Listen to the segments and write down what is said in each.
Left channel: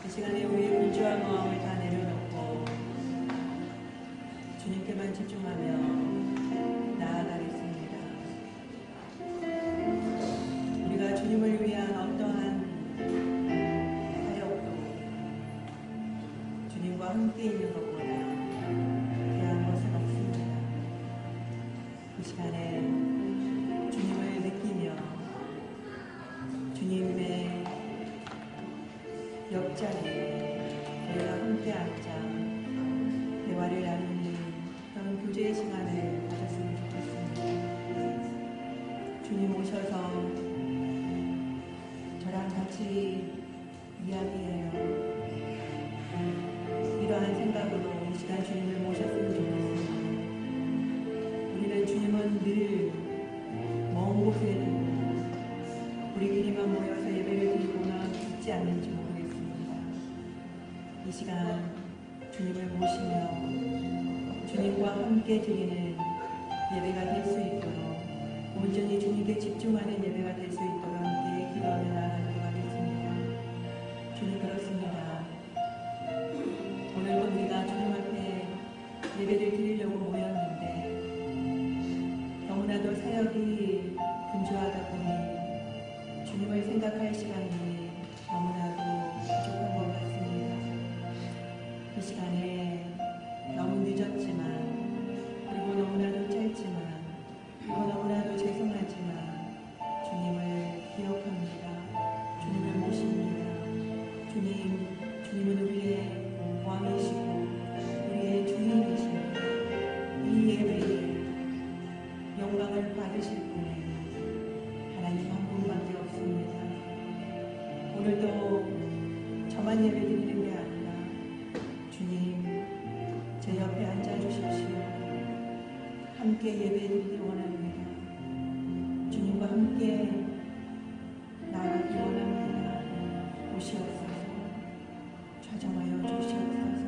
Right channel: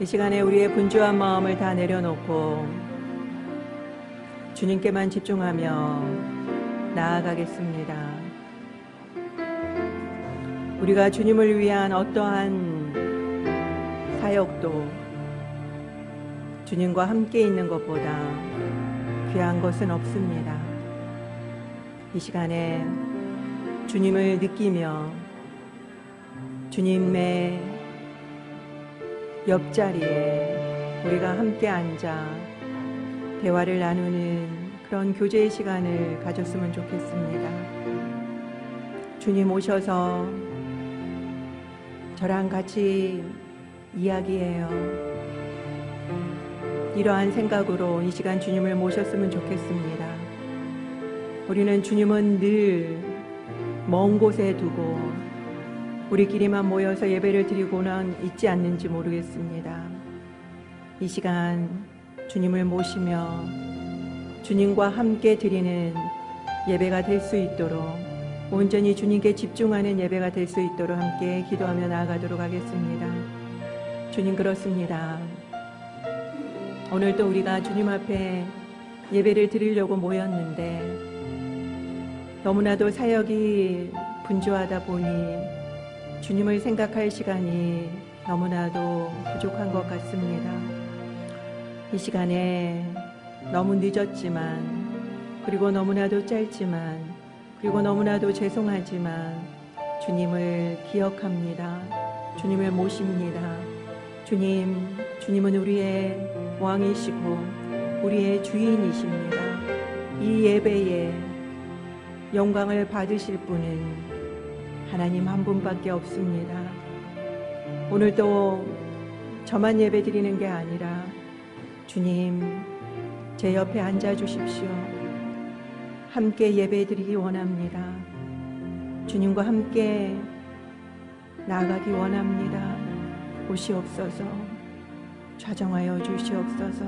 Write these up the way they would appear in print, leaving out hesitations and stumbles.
이 시간에 우리의 분주한 마음을 다 내려놓고 주님께만 집중하며 나아가겠습니다. 우리가 주님을 위한 어떠한 사역도 주님과 함께 있는 것보다 귀한 것은 없습니다. 이 시간에 주님을 느끼며 주님의 옆자리에 우리가 함께 앉아 대화를 나누는 그런 교제의 시간을 가졌으면 좋겠습니다. 주님 오셔서 저랑 같이 이야기해요. 이러한 생각으로 이 시간 주님을 모셨으면 좋겠습니다. 우리는 주님은 늘 먼 곳에 두고 우리끼리만 모여서 예배를 드리고는 있지 않는지 모르겠습니다. 이 시간 주님을 모시며 주님과 함께 드리는 예배가 될 수 있도록 온전히 주님께 집중하는 예배가 될 수 있도록 함께 기도하며 나아가도록 하겠습니다. 주님, 그렇습니다. 오늘도 우리가 주님 앞에 예배를 드리려고 모였는데 너무나도 사역이 분주하다 보니 주님을 생각할 시간이 너무나도 부족한 것 같습니다. 이 시간에 너무 늦었지만, 그리고 너무나도 짧지만, 그리고 너무나도 죄송하지만 주님을 기억합니다. 주님을 모십니다. 주님은 우리의 왕이시고 우리의 주인이십니다. 이 예배에 영광을 받으실 분은 하나님 한 분밖에 없습니다. 오늘도 저만 예배 드리는 게 아니라 주님, 제 옆에 앉아 주십시오. 함께 예배 드리기 원합니다. 주님과 함께 나아가기 원합니다. 오시옵소서. 좌정하여 주시옵소서.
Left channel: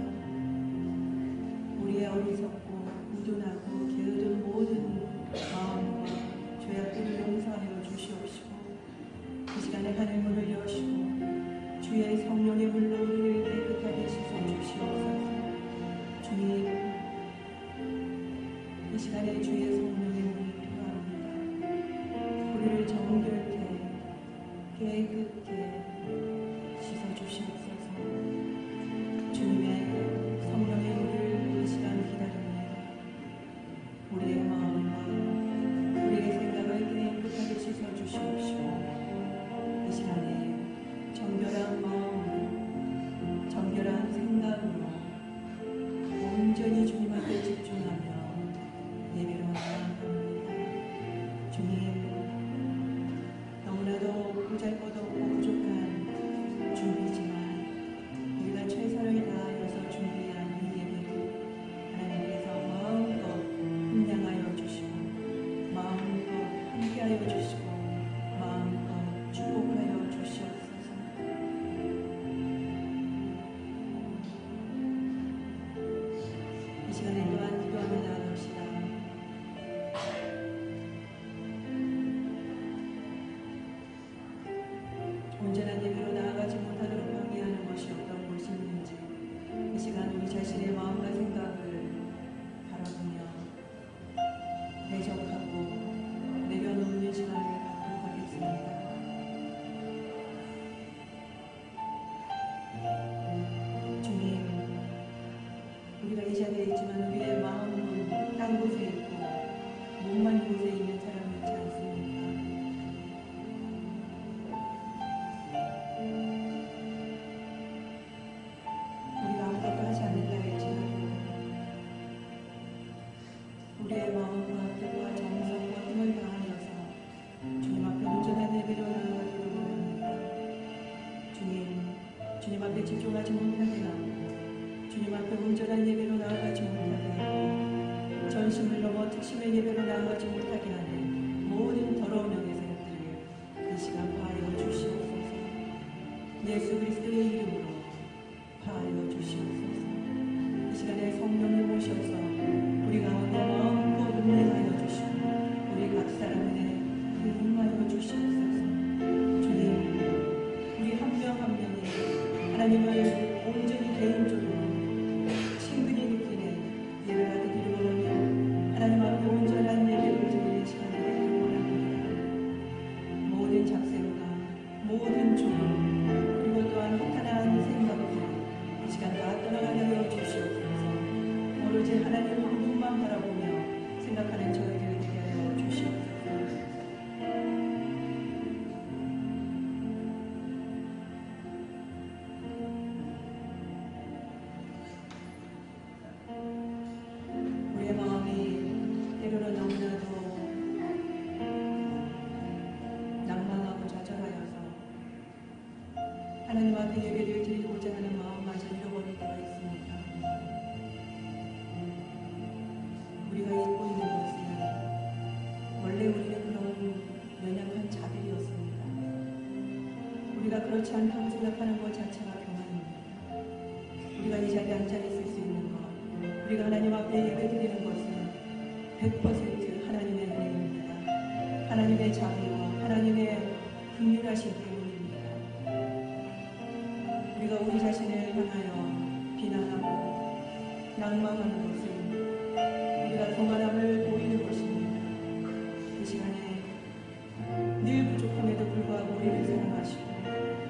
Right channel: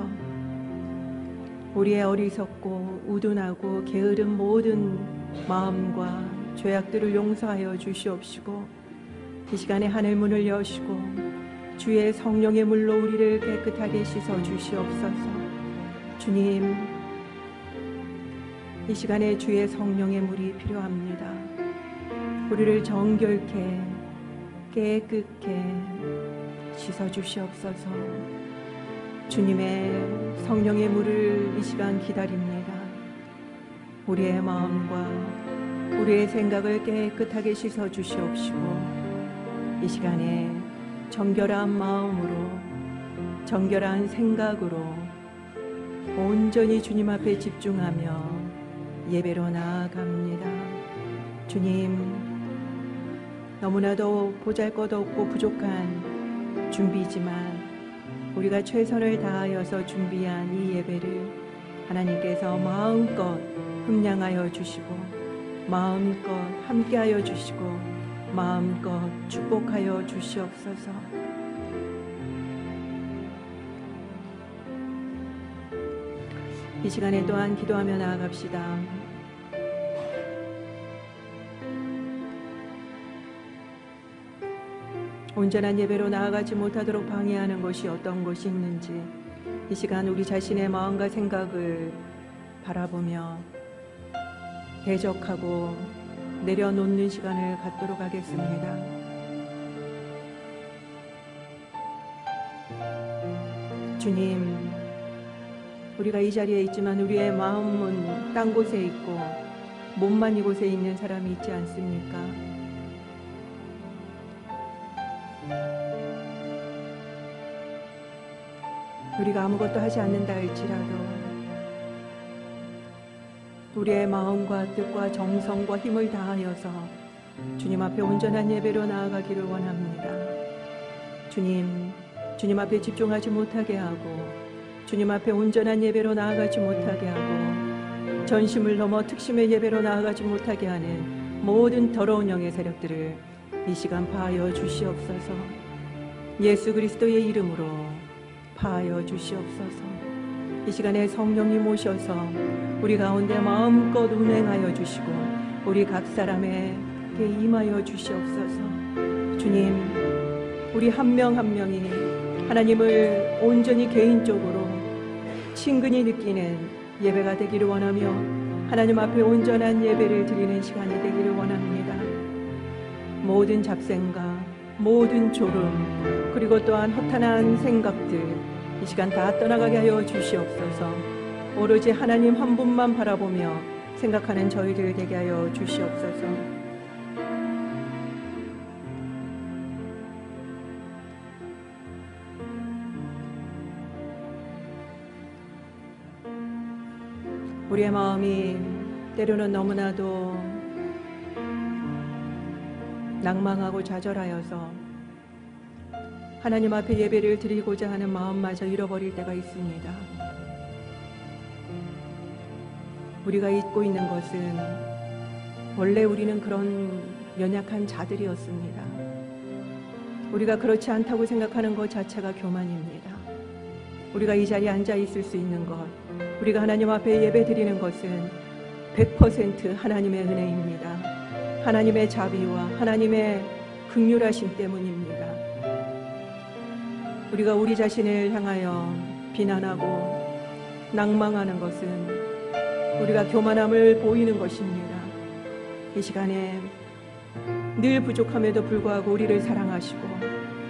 우리의 어리석고 우둔하고 게으른 모든 마음과 죄악들을 용서하여 주시옵시고 이 시간에 하늘 문을 여시고 주의 성령의 물로 우리를 깨끗하게 씻어 주시옵소서. 주님, 이 시간에 주의 성령의 물이 필요합니다. 우리를 정결케 깨끗게 씻어 주시옵소서. 주님의 성령의 물을 이 시간 기다립니다. 우리의 마음과 우리의 생각을 깨끗하게 씻어 주시옵시고 이 시간에 정결한 마음으로 정결한 생각으로 온전히 주님 앞에 집중하며 예배로 나아갑니다. 주님, 너무나도 보잘것없고 부족한 준비지만 우리가 최선을 다하여서 준비한 이 예배를 하나님께서 마음껏 흠량하여 주시고 마음껏 함께하여 주시고 마음껏 축복하여 주시옵소서. 이 시간에 또한 기도하며 나아갑시다. 온전한 예배로 나아가지 못하도록 방해하는 것이 어떤 것이 있는지 이 시간 우리 자신의 마음과 생각을 바라보며 대적하고 내려놓는 시간을 갖도록 하겠습니다. 주님, 우리가 이 자리에 있지만 우리의 마음은 딴 곳에 있고 몸만 이곳에 있는 사람이 있지 않습니까? 우리가 아무것도 하지 않는다 할지라도 우리의 마음과 뜻과 정성과 힘을 다하여서 주님 앞에 온전한 예배로 나아가기를 원합니다. 주님 앞에 집중하지 못하게 하고 주님 앞에 온전한 예배로 나아가지 못하게 하고 전심을 넘어 특심의 예배로 나아가지 못하게 하는 모든 더러운 영의 세력들을 이 시간 파하여 주시옵소서. 예수 그리스도의 이름으로 파하여 주시옵소서. 이 시간에 성령님 오셔서 우리 가운데 마음껏 운행하여 주시고 우리 각 사람에게 임하여 주시옵소서. 주님, 우리 한 명 한 명이 하나님을 온전히 개인적으로 친근히 느끼는 예배가 되기를 원하며 하나님 앞에 온전한 예배를 드리는 시간이 되기를 원합니다. 모든 잡생각, 모든 졸음, 그리고 또한 허탄한 생각들 이 시간 다 떠나가게 하여 주시옵소서. 오로지 하나님 한 분만 바라보며 생각하는 저희들 되게 하여 주시옵소서. 우리의 마음이 때로는 너무나도 낭망하고 좌절하여서 하나님 앞에 예배를 드리고자 하는 마음마저 잃어버릴 때가 있습니다. 우리가 잊고 있는 것은 원래 우리는 그런 연약한 자들이었습니다. 우리가 그렇지 않다고 생각하는 것 자체가 교만입니다. 우리가 이 자리에 앉아 있을 수 있는 것, 우리가 하나님 앞에 예배 드리는 것은 100% 하나님의 은혜입니다. 하나님의 자비와 하나님의 긍휼하심 때문입니다. 우리가 우리 자신을 향하여 비난하고 낭망하는 것은 우리가 교만함을 보이는 것입니다. 이 시간에 늘 부족함에도 불구하고 우리를 사랑하시고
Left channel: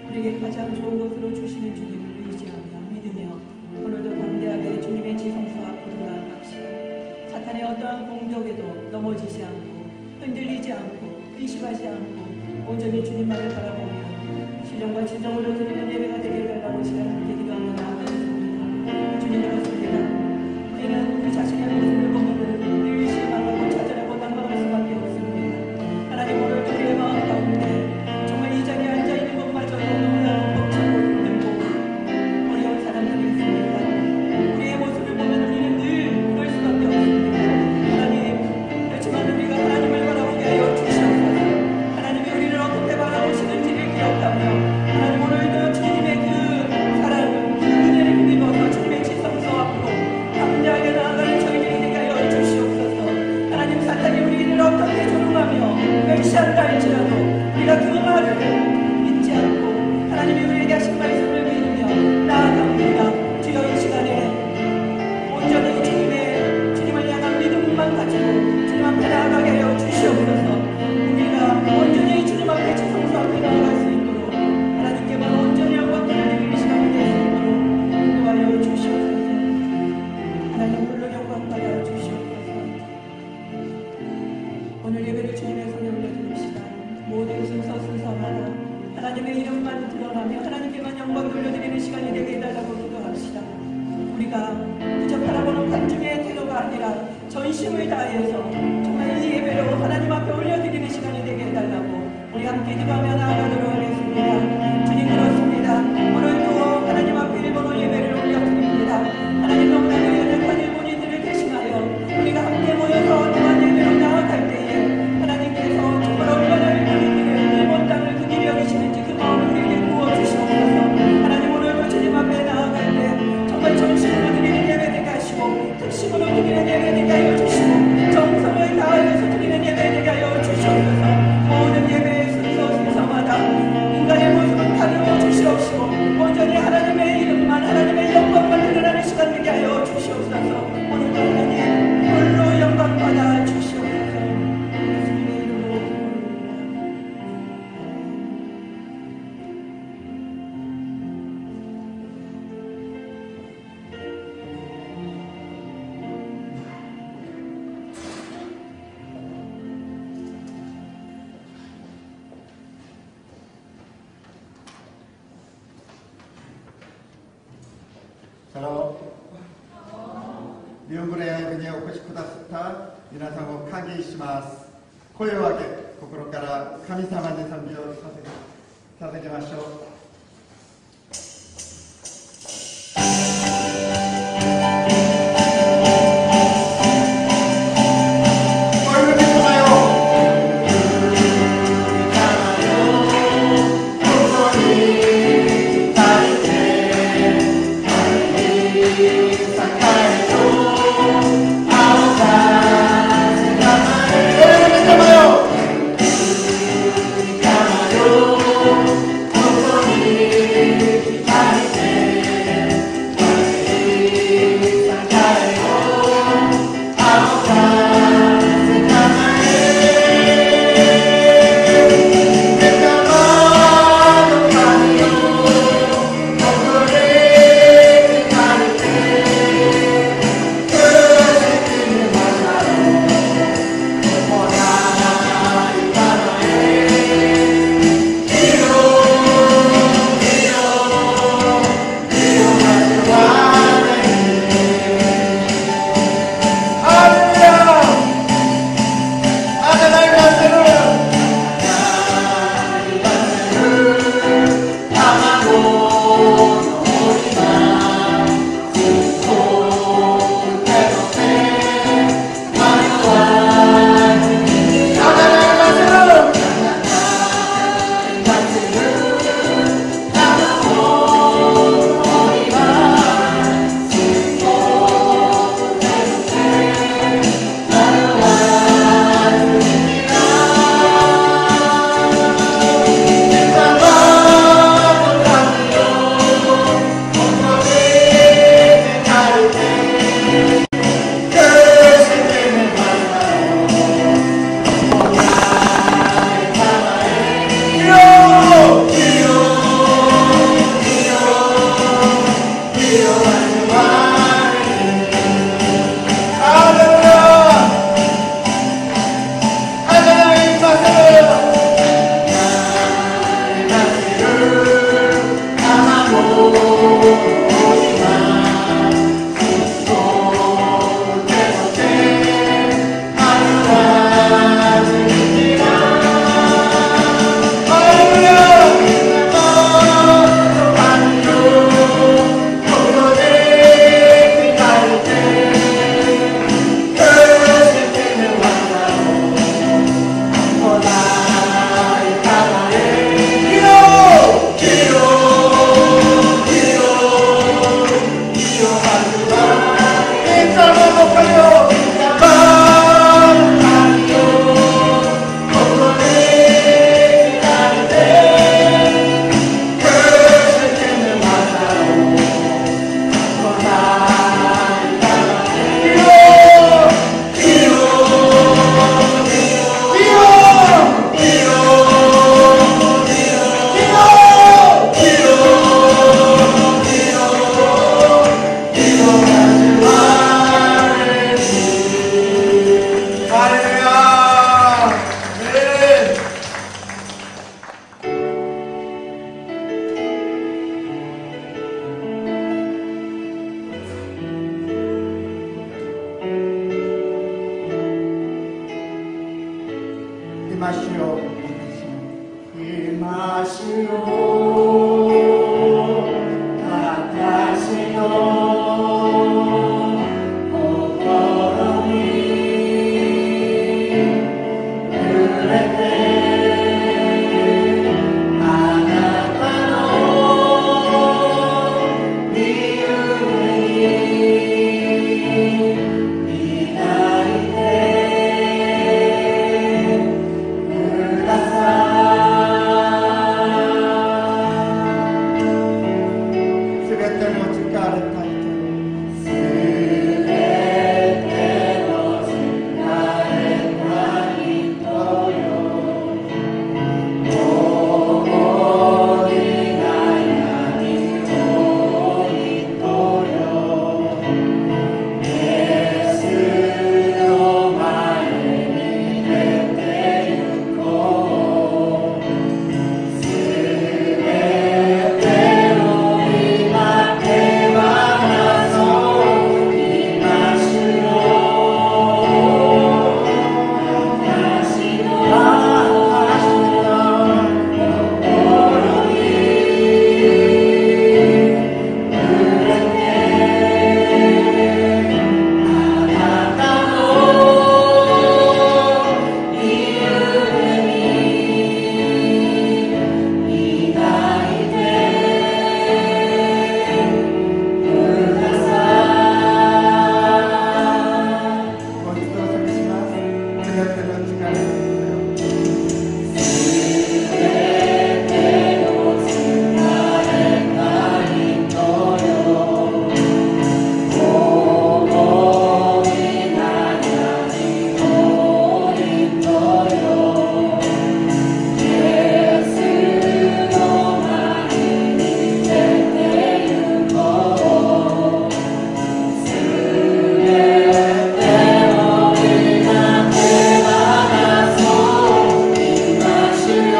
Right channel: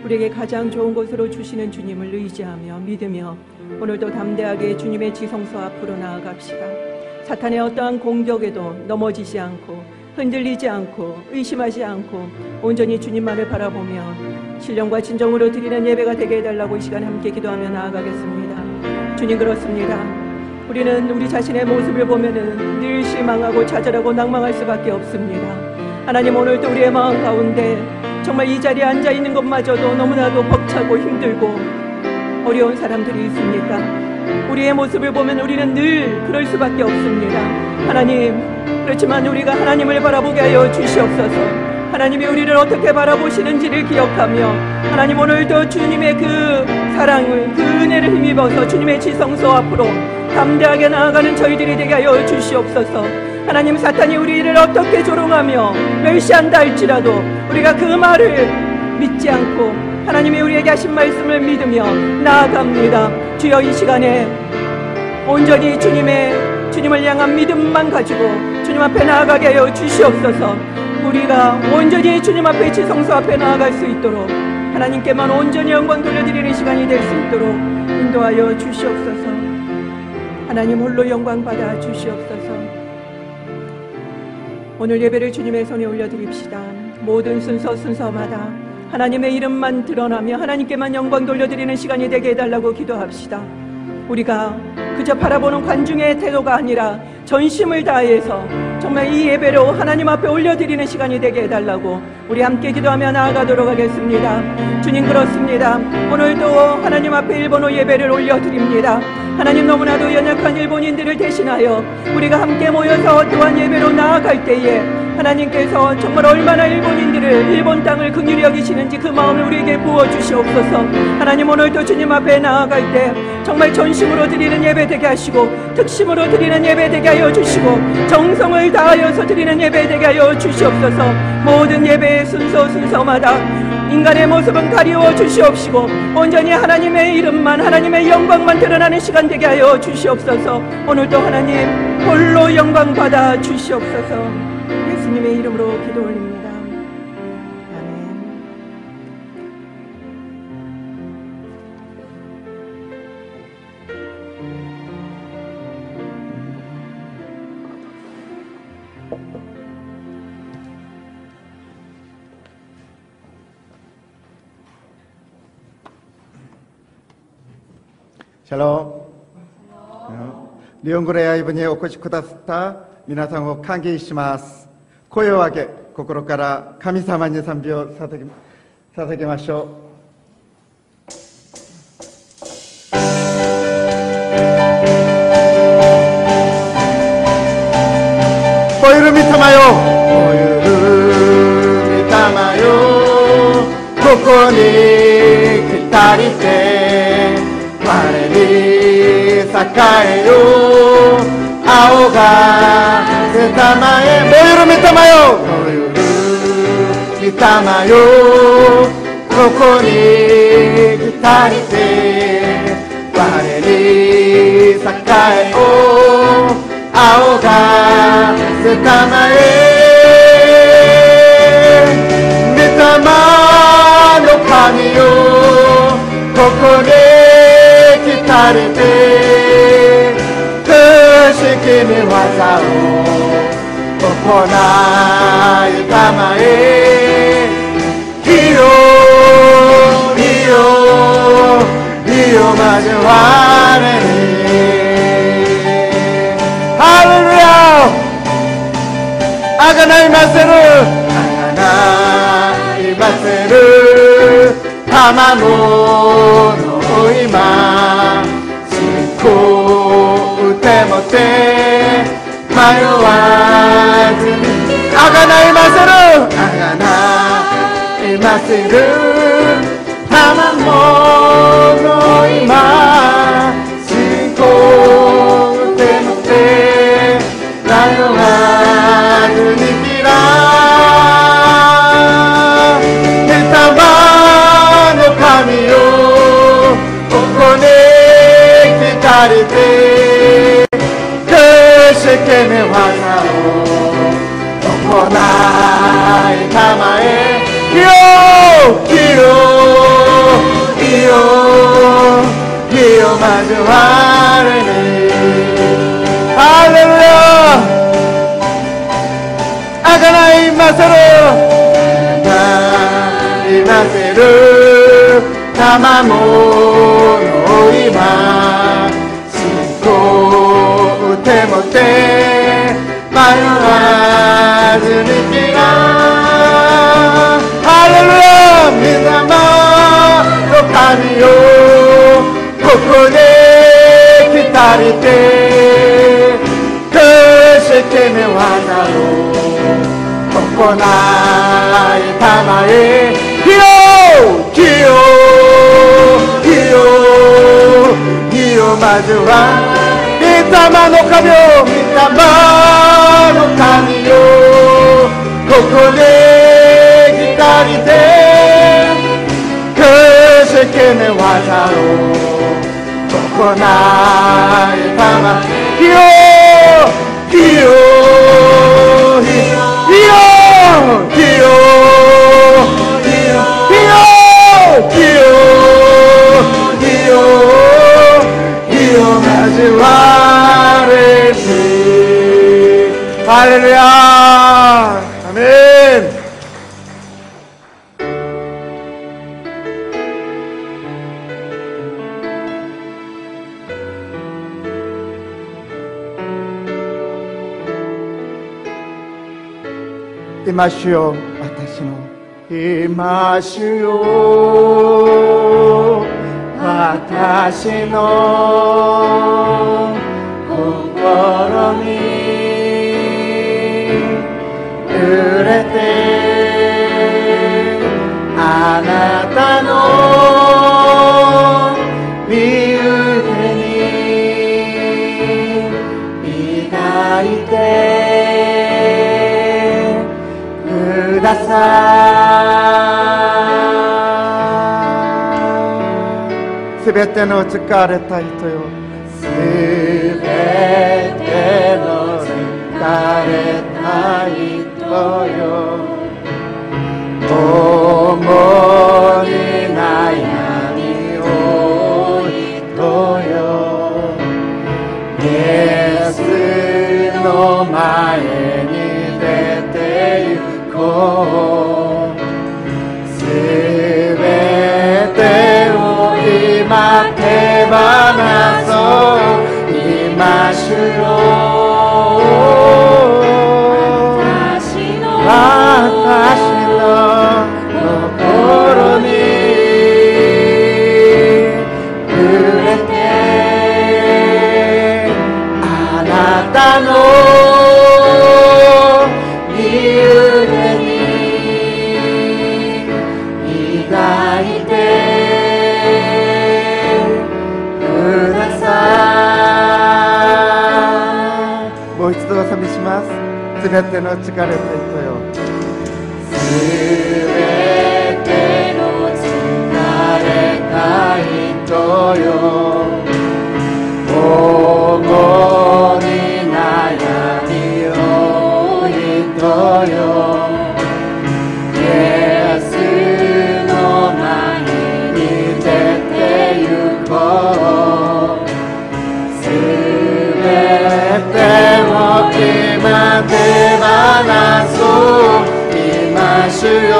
우리에게 가장 좋은 것으로 주시는 주님을 의지하며 믿으며 오늘도 담대하게 주님의 지성소 앞으로 나아갑시다. 사탄의 어떠한 공격에도 넘어지지 않고 흔들리지 않고 의심하지 않고 온전히 주님만을 바라보며 신령과 진정으로 드리는 예배가 되게 해달라고 이 시간 함께 기도하며 나아가겠습니다. 주님, 그렇습니다. 우리는 우리 자신의 모습을 보면은 늘 실망하고 좌절하고 낭망할 수밖에 없습니다. 하나님, 오늘도 우리의 마음 가운데 정말 이 자리에 앉아있는 것마저도 너무나도 벅차고 힘들고 어려운 사람들이 있습니까? 우리의 모습을 보면 우리는 늘 그럴 수밖에 없습니다. 하나님, 그렇지만 우리가 하나님을 바라보게 하여 주시옵소서. 하나님이 우리를 어떻게 바라보시는지를 기억하며 하나님, 오늘도 주님의 그 사랑을, 그 은혜를 힘입어서 주님의 지성소 앞으로 담대하게 나아가는 저희들이 되게 하여 주시옵소서. 하나님, 사탄이 우리를 어떻게 조롱하며 멸시한다 할지라도 우리가 그 말을 믿지 않고 하나님이 우리에게 하신 말씀을 믿으며 나아갑니다. 주여, 이 시간에 온전히 주님을 향한 믿음만 가지고 주님 앞에 나아가게 하여 주시옵소서. 우리가 온전히 주님 앞에 지성소 앞에 나아갈 수 있도록 하나님께만 온전히 영광 돌려드리는 시간이 될 수 있도록 인도하여 주시옵소서. 하나님 홀로 영광 받아 주시옵소서. 오늘 예배를 주님의 손에 올려드립시다. 모든 순서마다 하나님의 이름만 드러나며 하나님께만 영광 돌려드리는 시간이 되게 해달라고 기도합시다. 우리가 그저 바라보는 관중의 태도가 아니라 전심을 다해서 정말 이 예배로 하나님 앞에 올려드리는 시간이 되게 해달라고 우리 함께 기도하며 나아가도록 하겠습니다. 주님, 그렇습니다. 오늘도 하나님 앞에 일본어 예배를 올려드립니다. 하나님, 너무나도 연약한 일본인들을 대신하여 우리가 함께 모여서 또한 예배로 나아갈 때에 하나님께서 정말 얼마나 일본 땅을 긍휼히 여기시는지 그 마음을 우리에게 부어주시옵소서. 하나님, 오늘도 주님 앞에 나아갈 때 정말 전심으로 드리는 예배 되게 하시고 특심으로 드리는 예배 되게 하여 주시고 정성을 다하여서 드리는 예배 되게 하여 주시옵소서. 모든 예배의 순서마다 인간의 모습은 가리워 주시옵시고 온전히 하나님의 이름만, 하나님의 영광만 드러나는 시간 되게 하여 주시옵소서. 오늘도 하나님 홀로 영광 받아 주시옵소서. 예수님의 이름으로 기도 올립니다. 아멘. 샬롬。日本語礼拝部にお越しくださった皆さんを歓迎します。声を上げ、心から神様に賛美を捧げましょう。おゆるみ様よ、おゆるみ様よ、ここに来たりて前に栄えよ青が出たまえ、おゆるみ様よ、おゆるみ様よ、ここに来たりて今主よ、今主よ、私の心に触れて、あなたの身腕に抱いてください。すべての疲れた人よ、すべての疲れた人よ、思い悩みを人よ、イエスの前に出て行こう。すべてを今手放そう。今主よ、私の心に触れて、あなたの身腕に抱いてください。もう一度お賛美します。すべての疲れた人よ、すべての疲れた人よ、思い悩みを人よ、イエスの前に出て行こう。すべてを今手放そう。今主よ、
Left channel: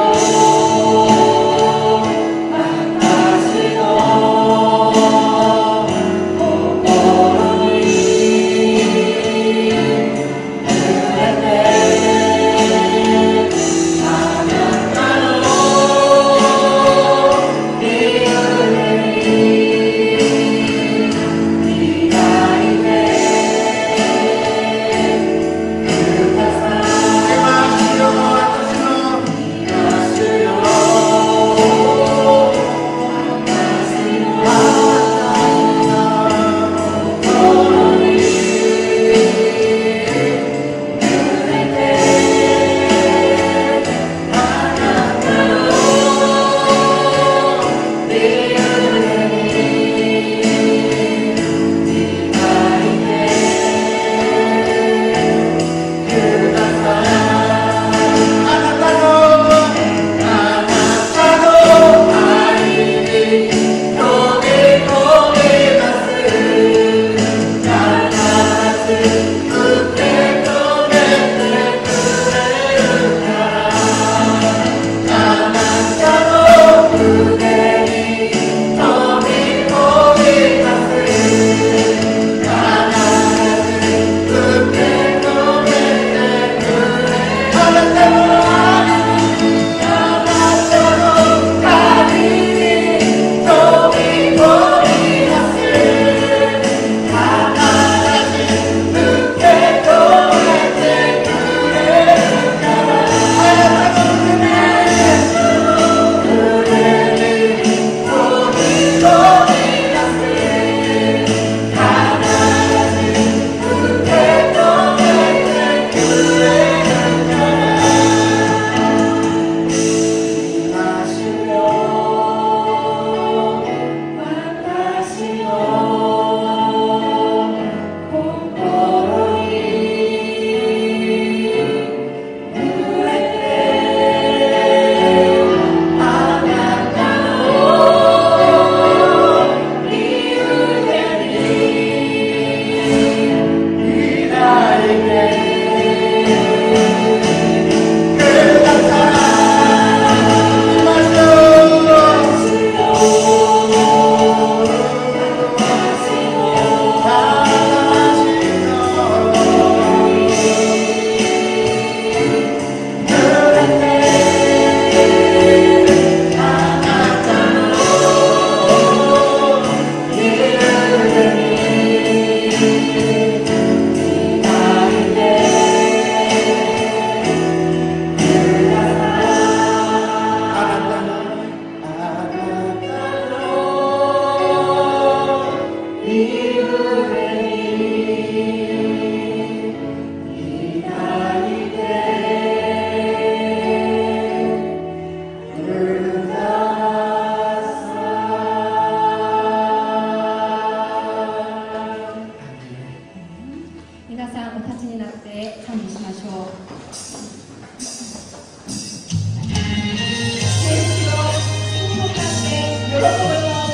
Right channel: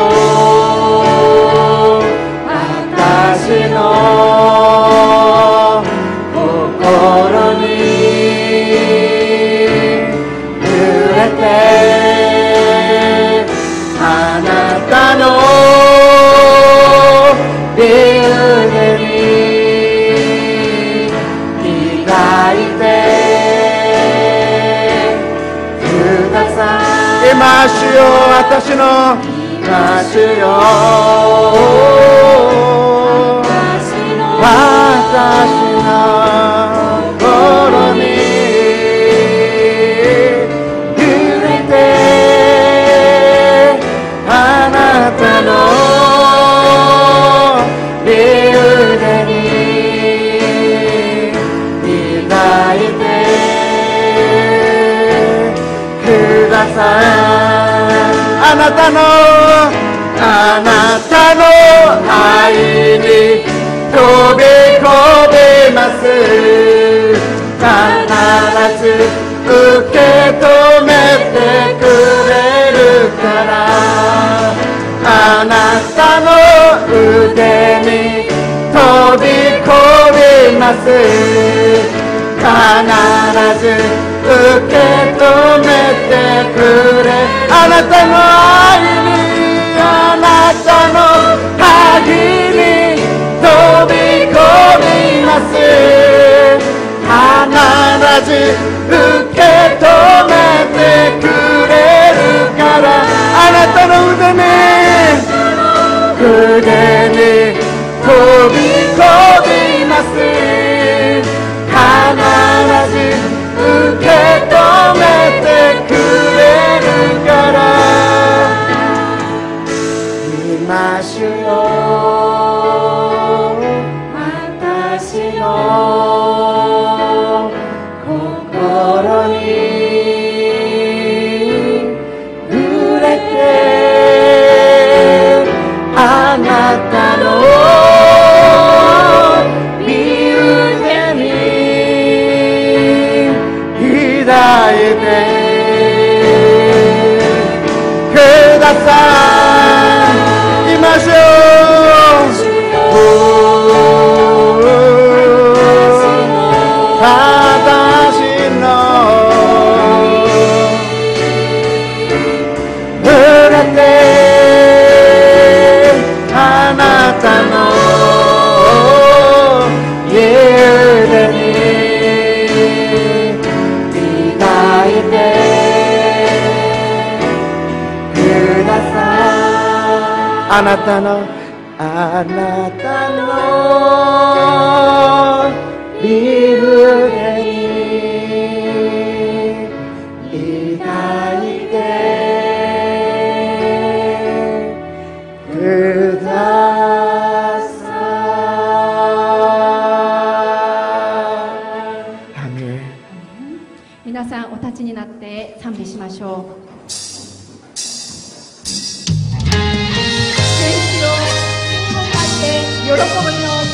私の心に触れて、あなたの身腕に抱いてください。今主よ、私の今主よ、私の心に触れて、あなたの身腕に抱いてください。あなたの愛に飛び込みます。必ず受け止めてくれるから、あなたの腕に飛び込みます。必ず受け止めてくれ、あなたの愛に、あなたの愛に飛び込みます。必ず受け止めてくれるから、あなたの腕に飛び込みます。必ず受け止めてくれるから、あなたの身胸に抱いてください。皆さんお立ちになって賛美しましょう。天使よ、天を張って喜びの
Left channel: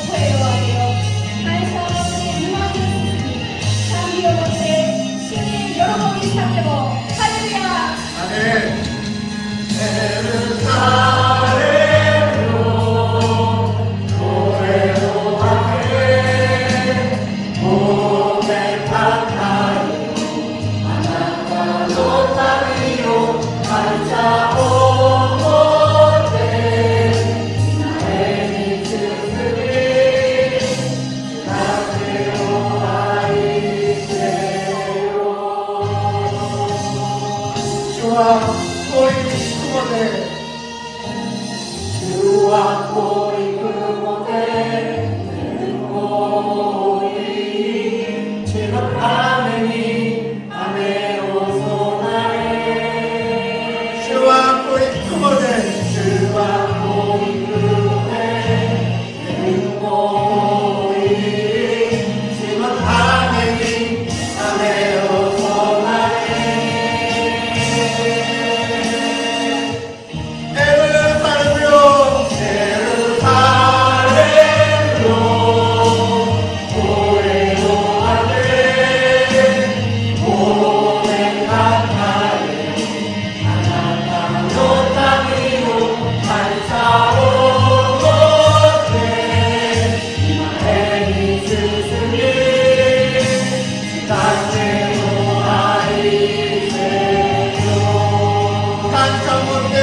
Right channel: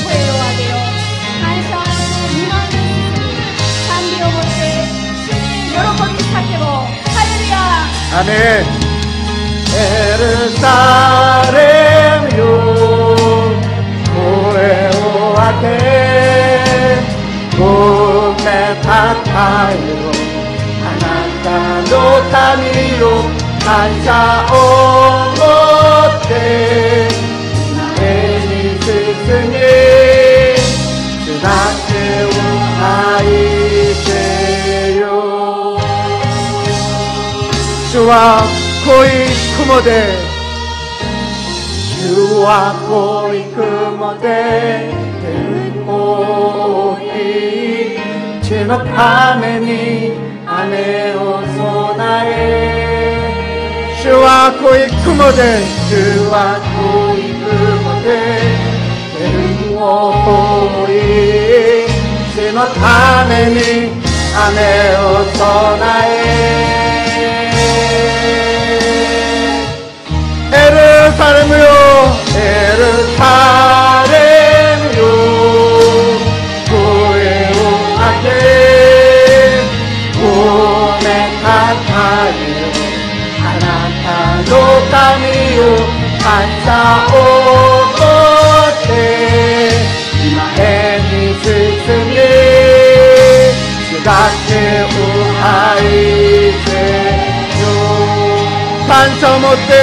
声を上げよ。神様の御前に賛美を持って喜びに立ってもハレルヤ。アメン。エルサレムよ、声を上げごめたたえよ。あなたの神よ、感謝を持って前に進み、すなてを愛せよ。主は濃い雲で、主は濃い雲で天を覆い、主のために雨を備え。主は濃い雲で、主は濃い雲で天を覆い、主のために雨を備え。エルサレムよ、エルサレムよ、声を上げごめたたえ。あなたの神よ、感謝を持って前に進み、すがてを愛せよ。感謝を持って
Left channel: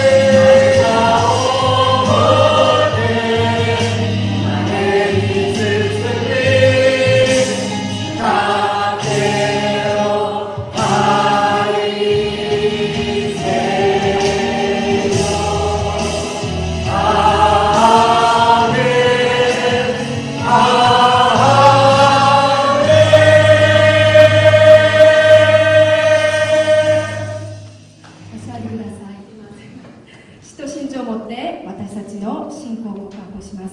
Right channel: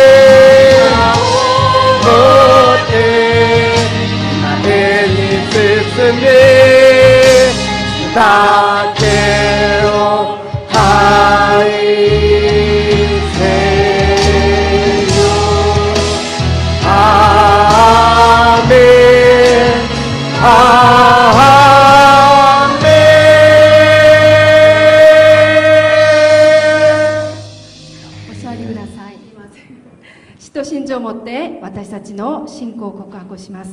だけを愛せよ。アーメン、アーメお座りください。使徒信条をもって私たちの信仰を告白します。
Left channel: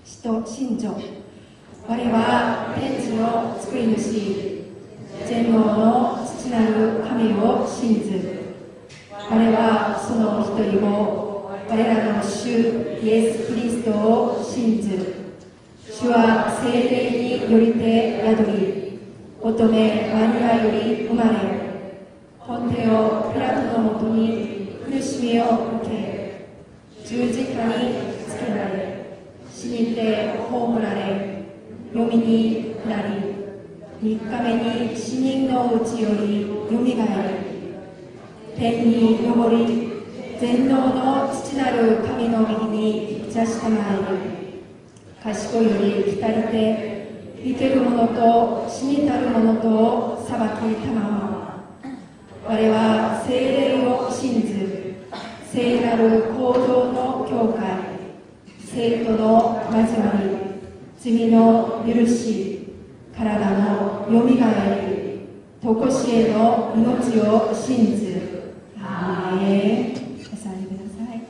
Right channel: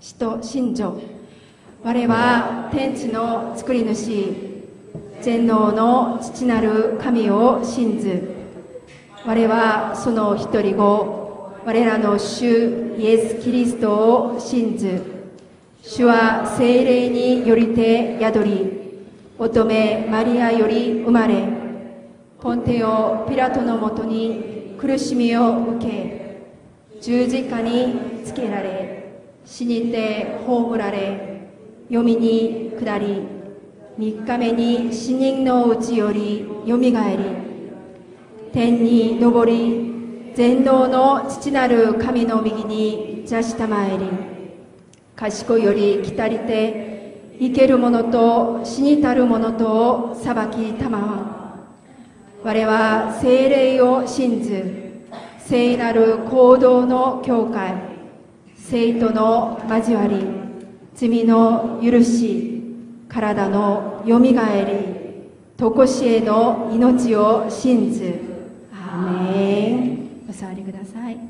使徒信条。我は天地の作り主、全能の父なる神を信ず。我はその一人子、我らの主イエス・キリストを信ず。主は聖霊によりて宿り、乙女マリアより生まれ、ポンテオ・ピラトのもとに苦しみを受け、十字架につけられ、死にて葬られ、読みに下り、3日目に死人のうちよりよみがえり、天に昇り、全能の父なる神の右に座したまえり、賢いより来たりて、生ける者と死にたる者とを裁きたまわ。我は聖霊を信ず、聖なる行動の教会、聖徒の交わり、罪の許し、体のよみがえり、とこしえの命を信ず。アーメン。お座りください。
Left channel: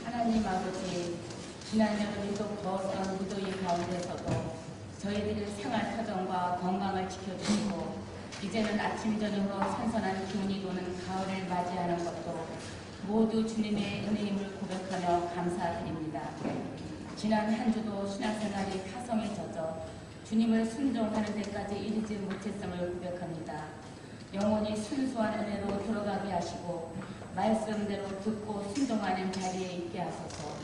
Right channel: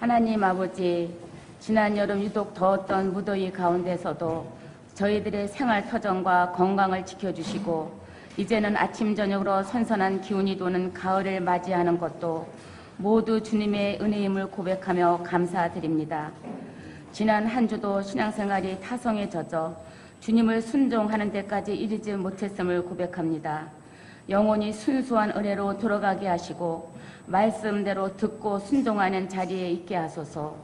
하나님 아버지, 지난 여름 유독 더웠던 무더위 가운데서도 저희들의 생활 터전과 건강을 지켜주시고 이제는 아침 저녁으로 선선한 기운이 도는 가을을 맞이하는 것도 모두 주님의 은혜임을 고백하며 감사드립니다. 지난 한 주도 신앙생활이 타성에 젖어 주님을 순종하는 데까지 이르지 못했음을 고백합니다. 영원히 순수한 은혜로 들어가게 하시고 말씀대로 듣고 순종하는 자리에 있게 하소서.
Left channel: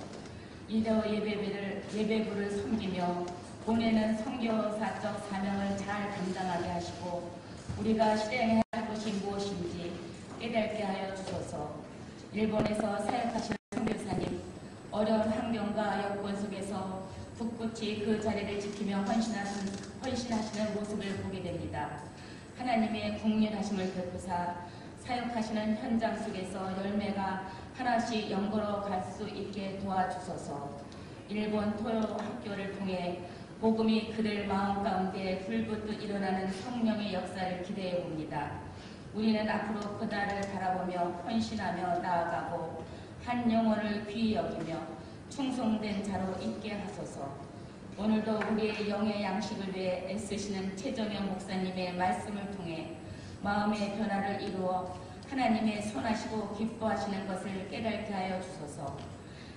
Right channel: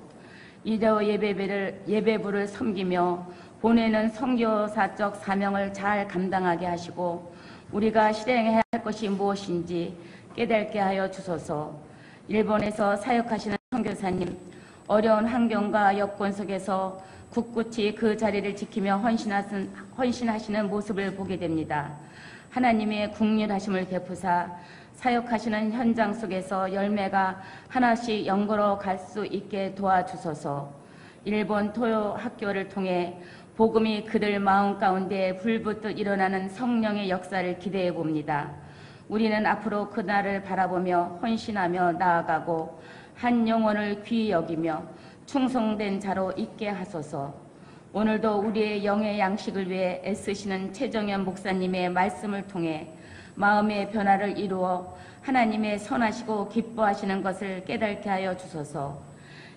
이대로 예배부를 섬기며 보내는 선교사적 사명을 잘 감당하게 하시고 우리가 실행해야 할 것이 무엇인지 깨닫게 하여 주소서. 일본에서 사역하시는 선교사님, 어려운 환경과 여건 속에서 굳굳이 그 자리를 지키며 헌신하시는 모습을 보게 됩니다. 하나님의 국률하심을 베푸사 사역하시는 현장 속에서 열매가 하나씩 연걸어 갈 수 있게 도와주소서. 일본 토요 학교를 통해 복음이 그들 마음 가운데 불붙듯 일어나는 성령의 역사를 기대해 봅니다. 우리는 앞으로 그날을 바라보며 헌신하며 나아가고 한 영혼을 귀히 여기며 충성된 자로 있게 하소서. 오늘도 우리의 영의 양식을 위해 애쓰시는 최정현 목사님의 말씀을 통해 마음의 변화를 이루어 하나님의 선하시고 기뻐하시는 것을 깨닫게 하여 주소서.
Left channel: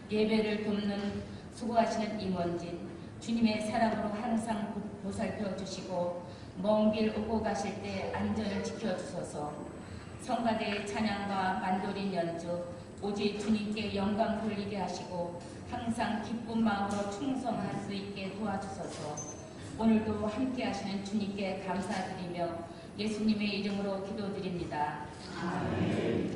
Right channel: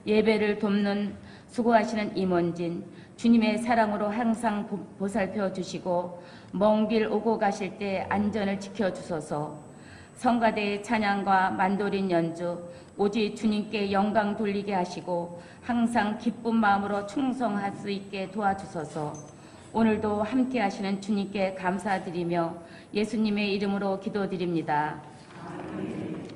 예배를 돕는 수고하시는 임원진, 주님의 사랑으로 항상 보살펴 주시고 먼 길 오고 가실 때 안전을 지켜주소서. 성가대의 찬양과 만도린 연주 오직 주님께 영광 돌리게 하시고 항상 기쁜 마음으로 충성할 수 있게 도와주소서. 오늘도 함께 하시는 주님께 감사드리며 예수님의 이름으로 기도드립니다. 아멘.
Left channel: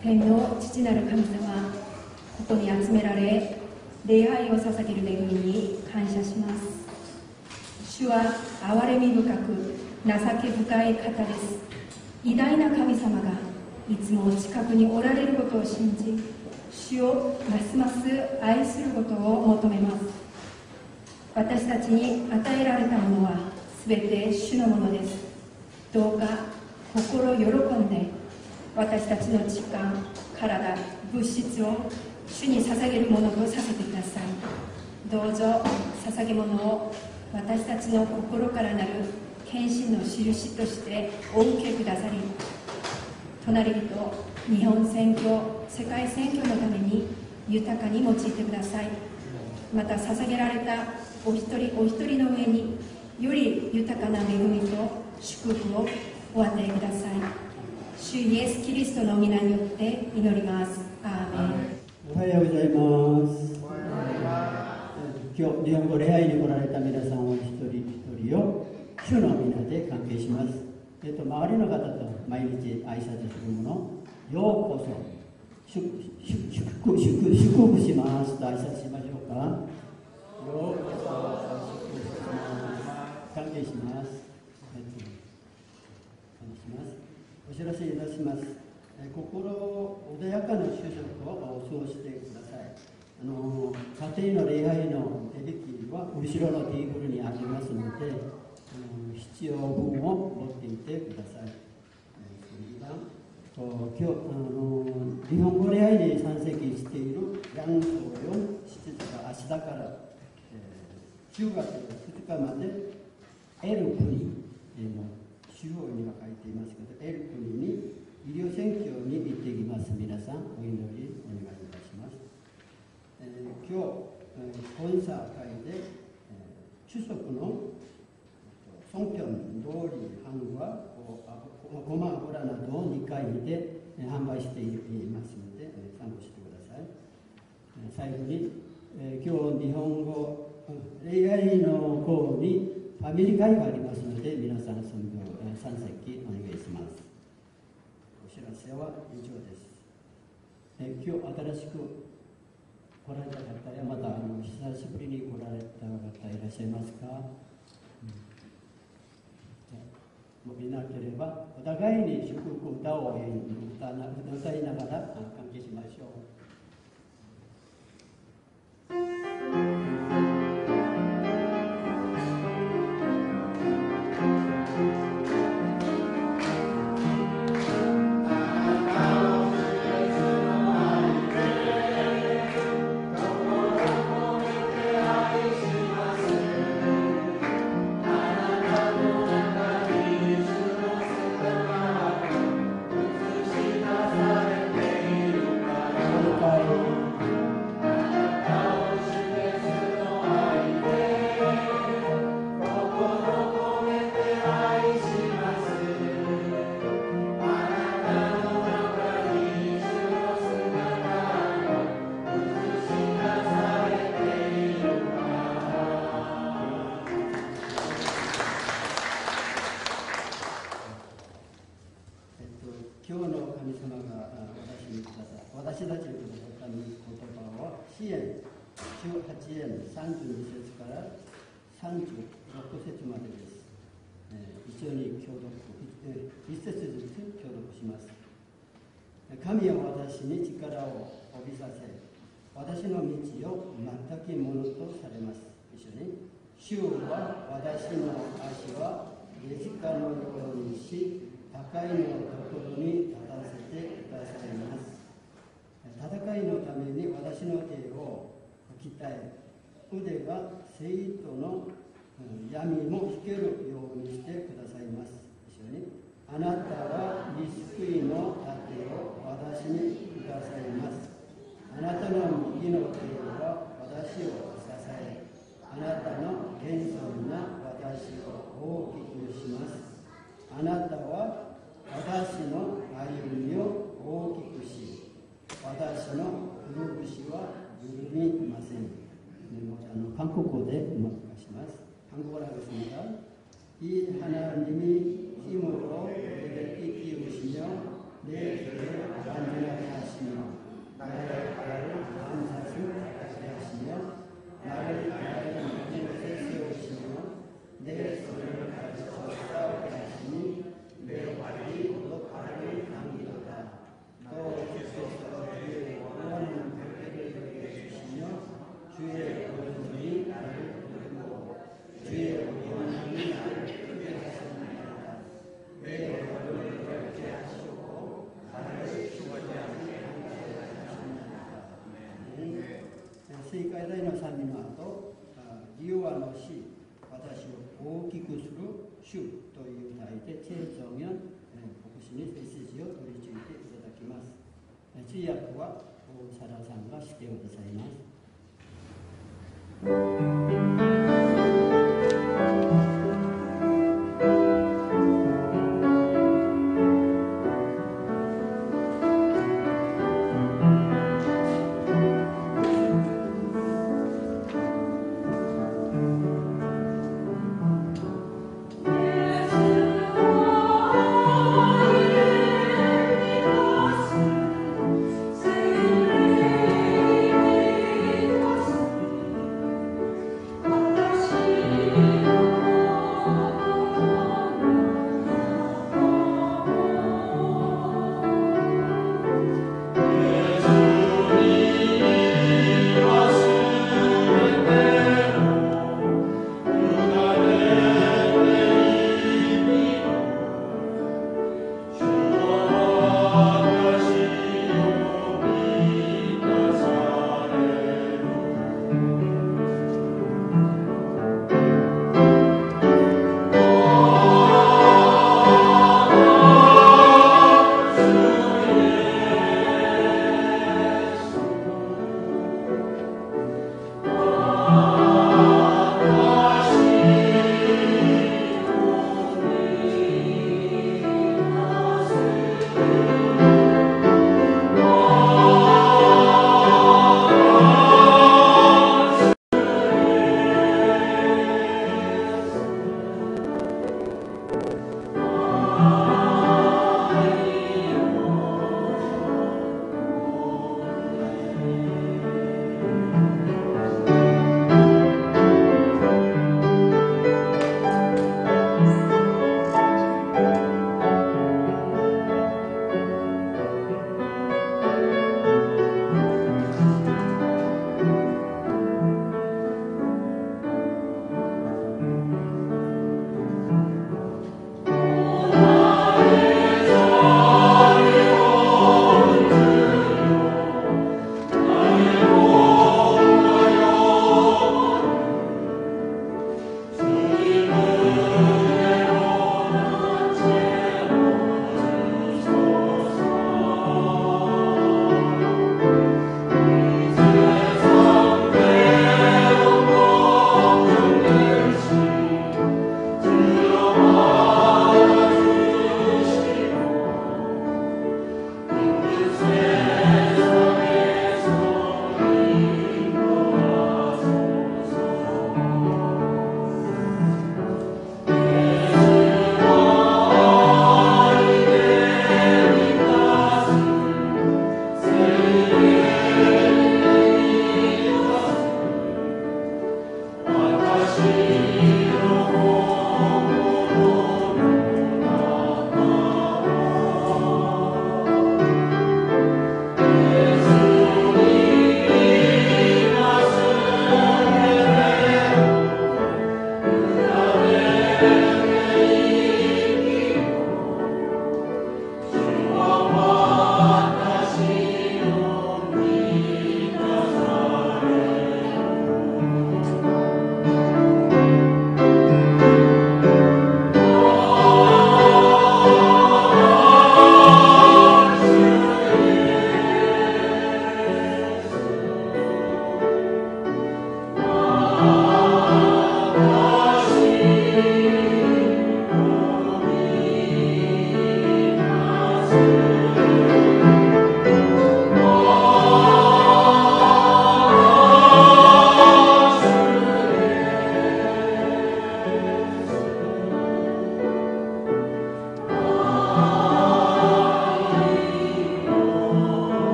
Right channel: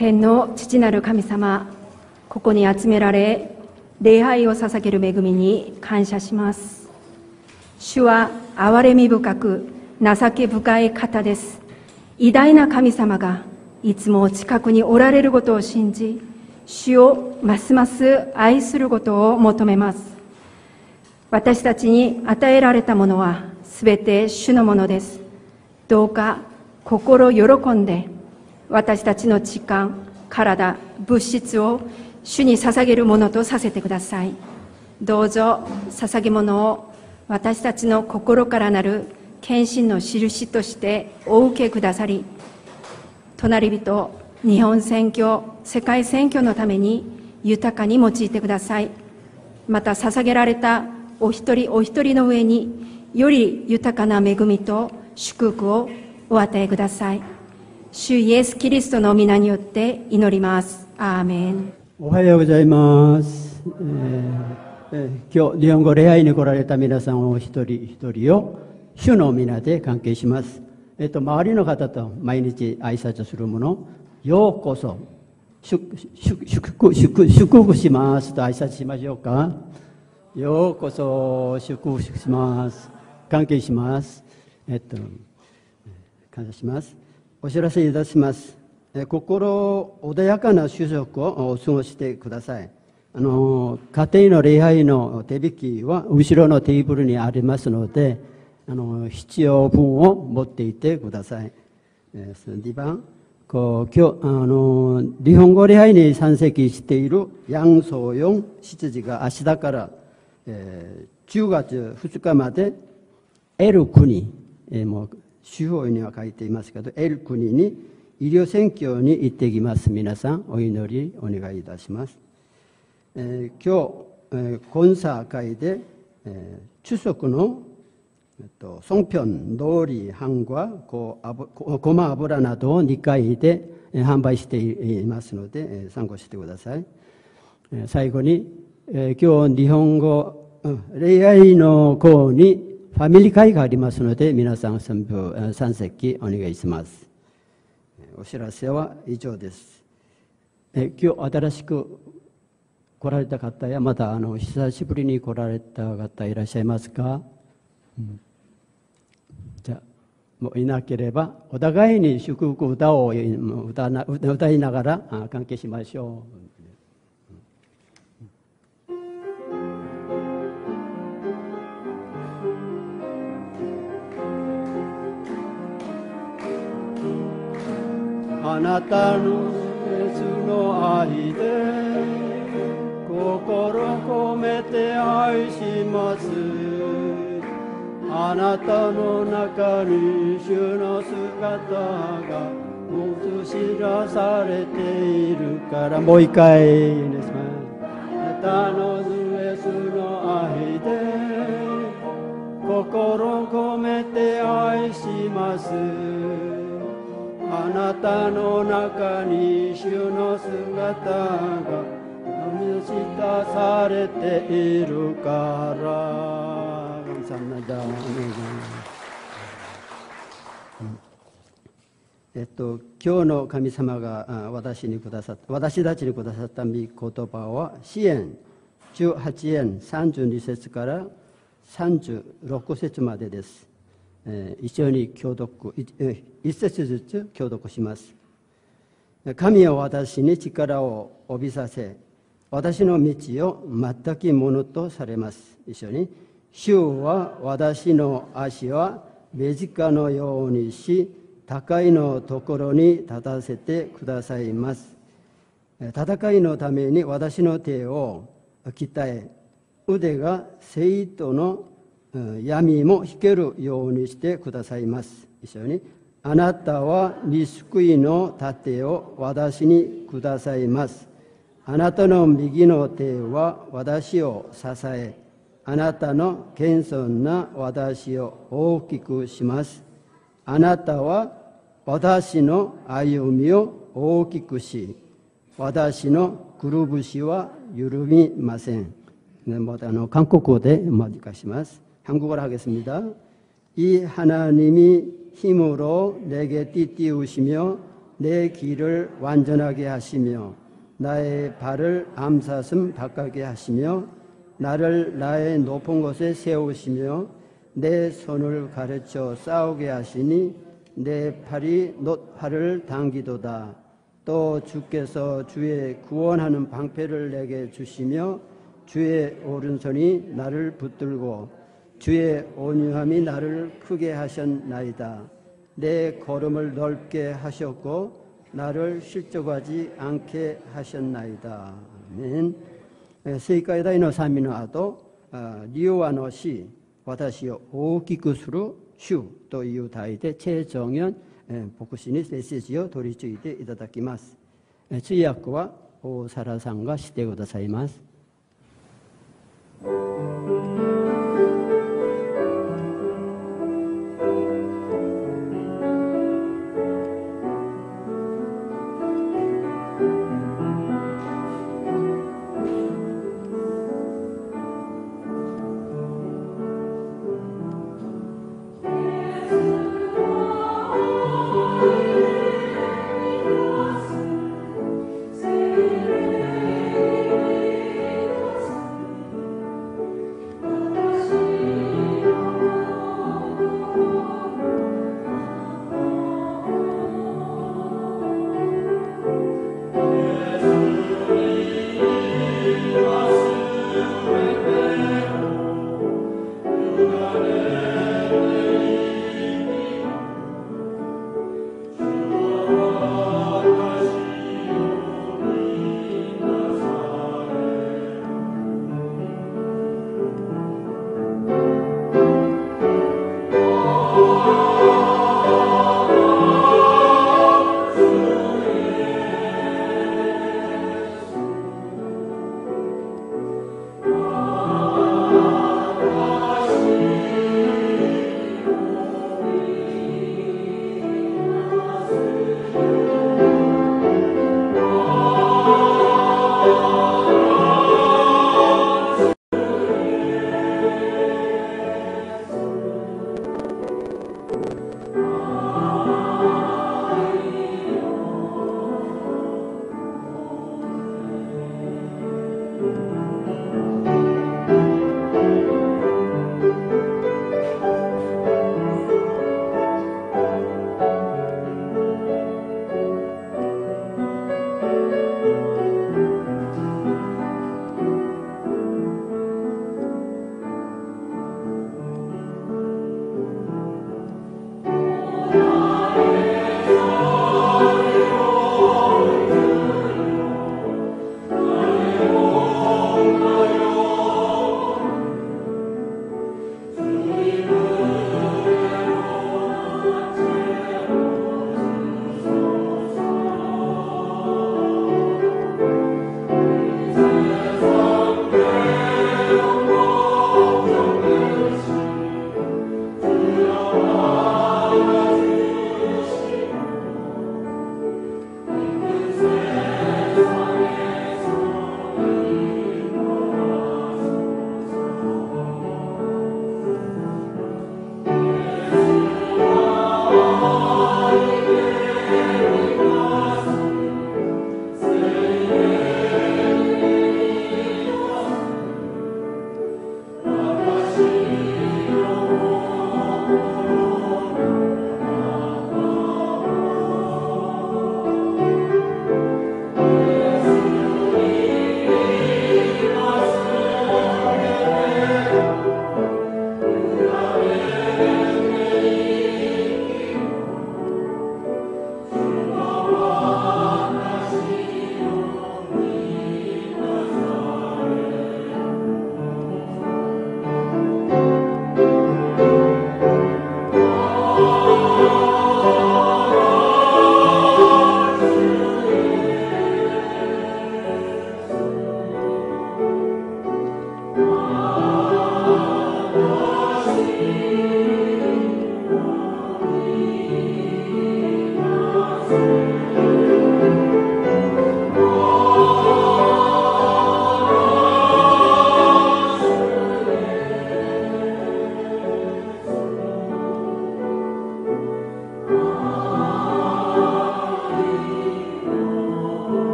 天の父なる神様、ここに集められ礼拝を捧げる恵みに感謝します。主は憐れみ深く情け深い方です。偉大な神様がいつも近くにおられることを信じ、主をますます愛することを求めます。私たちに与えられたものはすべて主のものです。どうか心喜んで私たちの時間、体、物質を主に捧げるものとさせてください。どうぞ捧げ物を私たちの心からなる献身の印としてお受けくださり、隣人、日本宣教、世界宣教のために豊かに用いてください。また捧げられたお一人お一人の上により豊かな恵みと祝福をお与えください。主イエス・キリストの皆によって祈ります。アーメン。おはようございます。今日日本語礼拝に来られた皆さんお一人一人を主の皆で関係します。周りの方と毎日挨拶するもの、ようこそ、祝福しますと挨拶しましょうか。ようこそ、祝福します。関係します。感謝します。お知らせいたします。心穏やかな就職を過ごしてください。家庭の礼拝の手引きは後ろのテーブルにありますので、必要分を持っていてください。2番、今日日本語礼拝に参席している楊宗陽執事が明日から、10月2日まで L 国、もう手法には書いていますけど L 国に医療選挙に行ってきます。皆さんお祈りお願いいたします。今日、コンサー会で、추석の송편、海苔、飯ごま油などを2回で販売していますので、参考してください。最後に、今日日本語礼拝の後にファミリー会がありますので、皆さん参席お願いします。お知らせは以上です。今日新しく来られた方やまた久しぶりに来られた方いらっしゃいますか？じゃあもういなければお互いに祝福歌を歌いながら関係しましょう。あなたの熱の愛で心込めて愛します。あなたの中に主の姿が映し出されているから。もう一回。あなたの熱の愛で心込めて愛します。あなたの中に主の姿が映し出されているから。今日の神様が私たちにくださった御言葉は詩編18編32節から36節までです。一緒に共読、一節ずつ共読します。神は私に力を帯びさせ、私の道を全くものとされます。一緒に。主は私の足は目近のようにし、高いのところに立たせてくださいます。戦いのために私の手を鍛え、腕が生徒の闇も引けるようにしてくださいます。一緒に。あなたは救いの盾を私にくださいます。あなたの右の手は私を支え、あなたの謙遜な私を大きくします。あなたは私の歩みを大きくし、私のくるぶしは緩みません。韓国語で訳します。한국어로 하겠습니다. 이 하나님이 힘으로 내게 띠띠우시며 내 길을 완전하게 하시며 나의 발을 암사슴 바가게 하시며 나를 나의 높은 곳에 세우시며 내 손을 가르쳐 싸우게 하시니 내 팔이 놋팔을 당기도다. 또 주께서 주의 구원하는 방패를 내게 주시며 주의 오른손이 나를 붙들고 주의 온유함이 나를 크게 하셨나이다. 내 걸음을 넓게 하셨고 나를 실족하지 않게 하셨나이다. 正解大の賛美の後、リオアの詩、私を大きくする主という題で、チェ・ジョンヨン牧師にメッセージを取り次いでいただきます。通訳は大皿さんがしてくださいます。예수와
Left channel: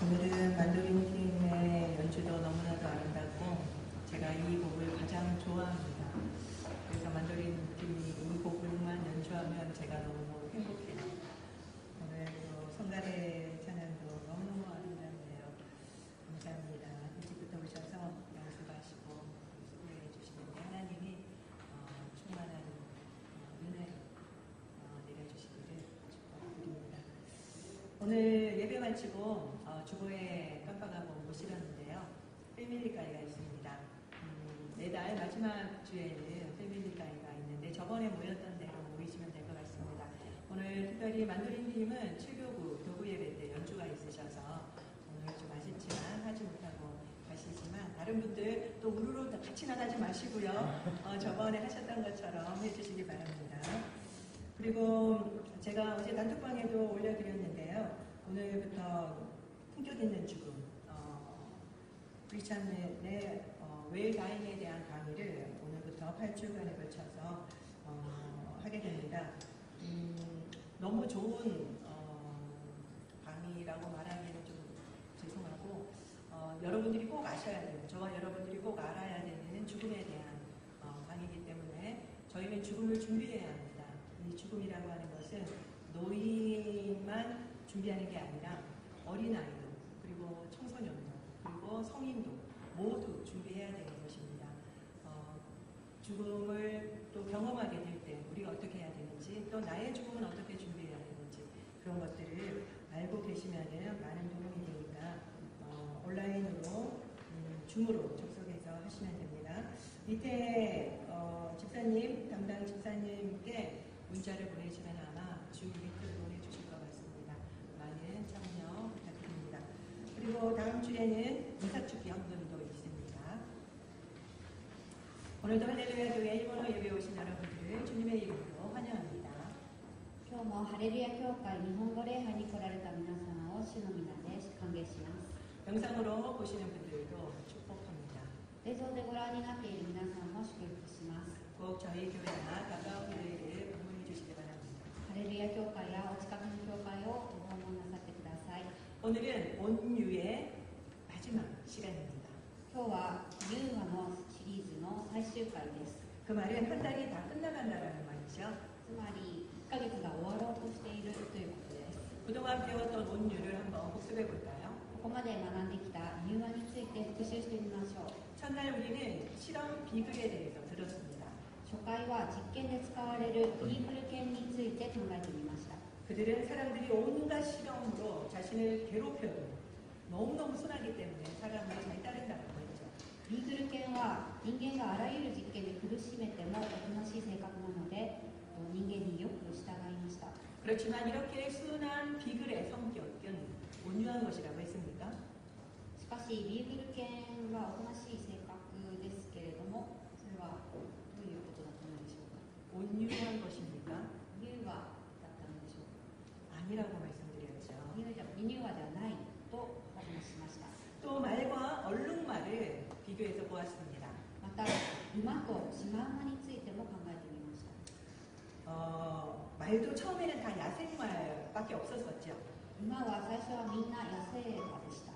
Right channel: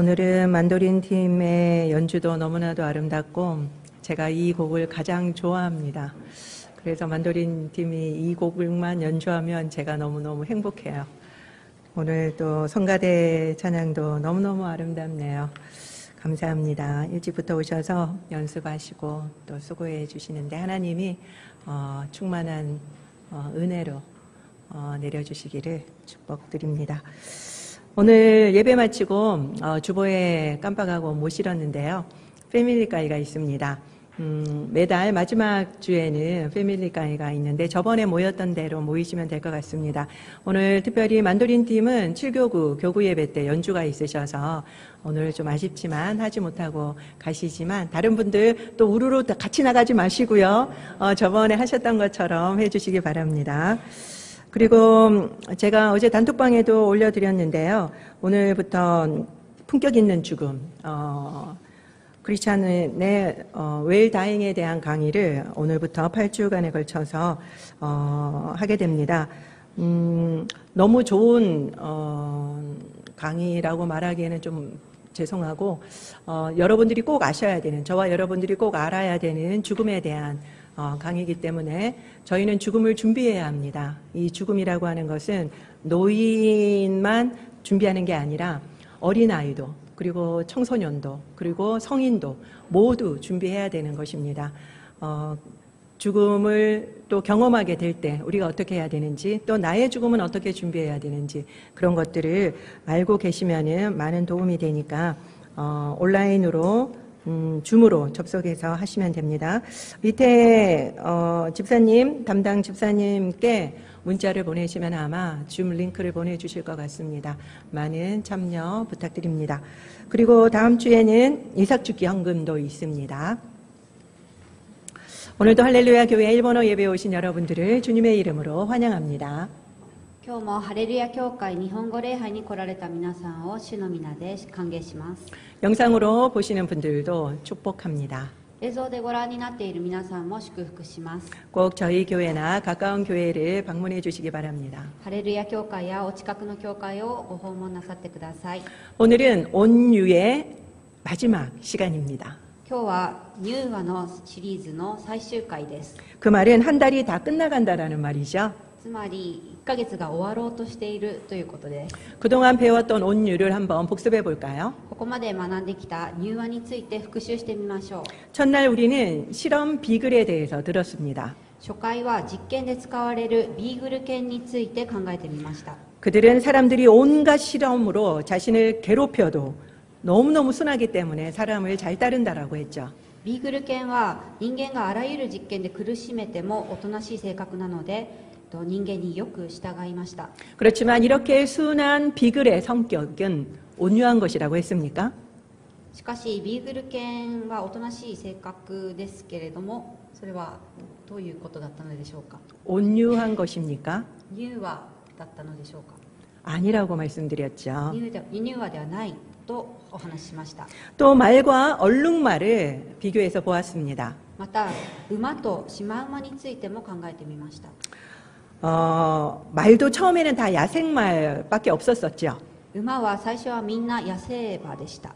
오늘은 만도린 팀의 연주도 너무나도 아름답고 제가 이 곡을 가장 좋아합니다. 그래서 만도린 팀이 이 곡을만 연주하면 제가 너무너무 행복해요. 오늘 또 성가대 찬양도 너무너무 아름답네요. 감사합니다. 일찍부터 오셔서 연습하시고 또 수고해 주시는데 하나님이 충만한 은혜로 내려주시기를 축복드립니다. 오늘 예배 마치고 주보에 깜빡하고 못 실었는데요. 패밀리 가이가 있습니다. 매달 마지막 주에는 패밀리 가이가 있는데 저번에 모였던 대로 모이시면 될 것 같습니다. 오늘 특별히 만도린 팀은 7교구 교구 예배 때 연주가 있으셔서 오늘 좀 아쉽지만 하지 못하고 가시지만 다른 분들 또 우르르 같이 나가지 마시고요. 저번에 하셨던 것처럼 해주시기 바랍니다. 그리고 제가 어제 단톡방에도 올려드렸는데요. 오늘부터 품격 있는 죽음, 크리스찬의 웰다잉에 대한 강의를 오늘부터 8주간에 걸쳐서 하게 됩니다. 너무 좋은 강의라고 말하기에는 좀 죄송하고 여러분들이 꼭 아셔야 되는, 저와 여러분들이 꼭 알아야 되는 죽음에 대한 강의이기 때문에 저희는 죽음을 준비해야 합니다. 이 죽음이라고 하는 것은 노인만 준비하는 게 아니라 어린아이도, 그리고 청소년도, 그리고 성인도 모두 준비해야 되는 것입니다. 죽음을 또 경험하게 될 때 우리가 어떻게 해야 되는지, 또 나의 죽음은 어떻게 준비해야 되는지, 그런 것들을 알고 계시면은 많은 도움이 되니까 온라인으로 줌으로 접속해서 하시면 됩니다. 밑에 집사님, 담당 집사님께 문자를 보내시면 아마 줌 링크를 보내주실 것 같습니다. 많은 참여 부탁드립니다. 그리고 다음 주에는 이삭죽기 헌금도 있습니다. 오늘도 할렐루야 교회 일본어 예배에 오신 여러분들을 주님의 이름으로 환영합니다. 今日もハレルヤ教会日本語礼拝に来られた皆さんを主の皆で歓迎します。 영상으로 보시는 분들도 축복합니다. 映像でご覧になっている皆さんも祝福します。 꼭 저희 교회나 가까운 교회를 방문해 주시기 바랍니다. ハレルヤ教会やお近くの教会をご訪問なさってください。 오늘은 온유의 마지막 시간입니다. 今日はニューワのシリーズの最終回です。 그 말은 한 달이 다 끝나간다라는 말이죠. つまり1ヶ月が終わろうとしているということです。 그동안 배웠던 온유를 한번 복습해 볼까요? ここまで学んできたニューワについて復習してみましょう。 첫날 우리는 실험 비글에 대해서 들었습니다. 初回は実験で使われるビーグル犬について考えてみました。 그들은 사람들이 온갖 실험으로 자신을 괴롭혀도 너무너무 순하기 때문에 사람을 잘 따른다라고 했죠. ビーグル犬は人間があらゆる実験で苦しめてもおとなしい性格なので人間によく従いました。 그렇지만 이렇게 순한 비글의 성격은 온유한 것이라고 했습니까? しかしビーグル犬はおとなしい性格ですけれども、それはどういうことだったのでしょうか。 온유한 것입니까? ニューワだったのでしょうか。 아니라고 말씀드렸죠. ニューワではないとお話ししました。 또 말과 얼룩말을 비교해서 보았습니다. また馬とシマウマについても考えてみました。 말도 처음에는 다 야생말밖에 없었었죠. 馬は最初はみんな野生馬でした。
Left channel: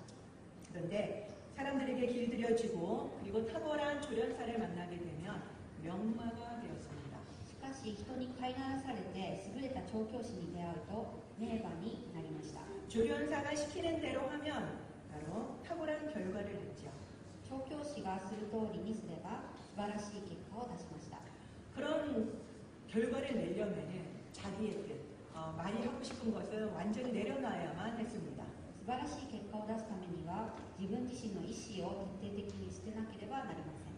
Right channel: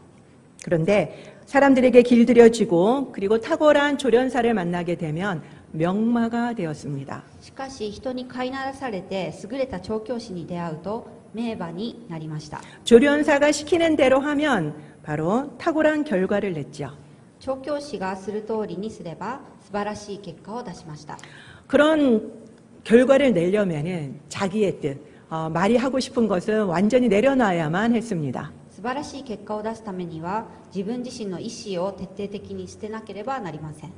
그런데 사람들에게 길들여지고 그리고 탁월한 조련사를 만나게 되면 명마가 되었습니다. しかし人に飼いならされて優れた調教師に出会うと名馬になりました。 조련사가 시키는 대로 하면 바로 탁월한 결과를 냈죠. 調教師がする通りにすれば素晴らしい結果を出しました。 그런 결과를 내려면은 자기의 뜻, 말이 하고 싶은 것은 완전히 내려놔야만 했습니다. 素晴らしい結果を出すためには自分自身の意思を徹底的に捨てなければなりません。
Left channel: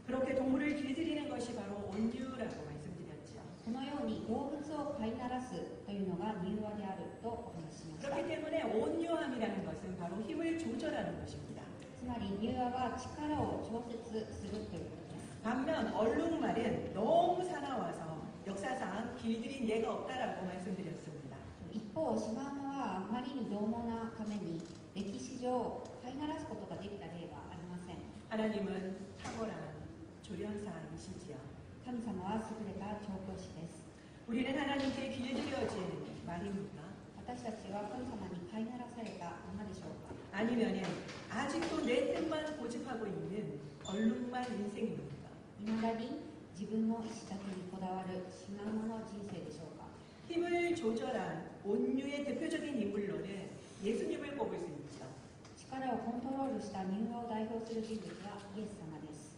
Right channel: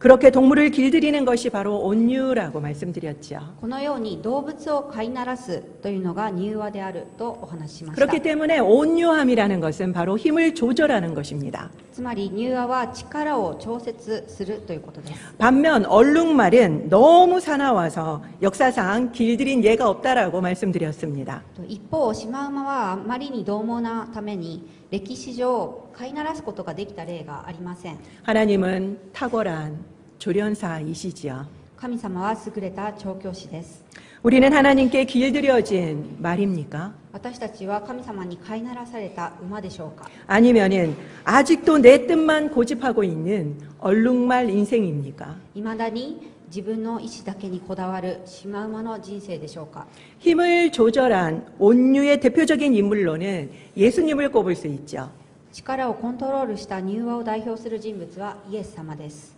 그렇게 동물을 길들이는 것이 바로 온유라고 말씀드렸죠. このように動物を飼いならすというのが柔和であるとお話ししました。 그렇기 때문에 온유함이라는 것은 바로 힘을 조절하는 것입니다. つまり柔和は力を調節するということです。 반면 얼룩말은 너무 사나워서 역사상 길들인 예가 없다라고 말씀드렸습니다. 一方シマウマはあまりに獰猛なために歴史上飼いならすことができた例がありません。 하나님은 탁월한 조련사이시지요. 神様は優れた調教師です。 우리는 하나님께 길들여진 말입니까? 私たちは神様に飼いならされた馬でしょうか。 아니면은 아직도 내 뜻만 고집하고 있는 얼룩말 인생입니까? いまだに自分の意思だけにこだわるシマウマの人生でしょうか。 힘을 조절한 온유의 대표적인 인물로는 예수님을 꼽을 수 있죠. 力をコントロールした柔和を代表する人物はイエス様です。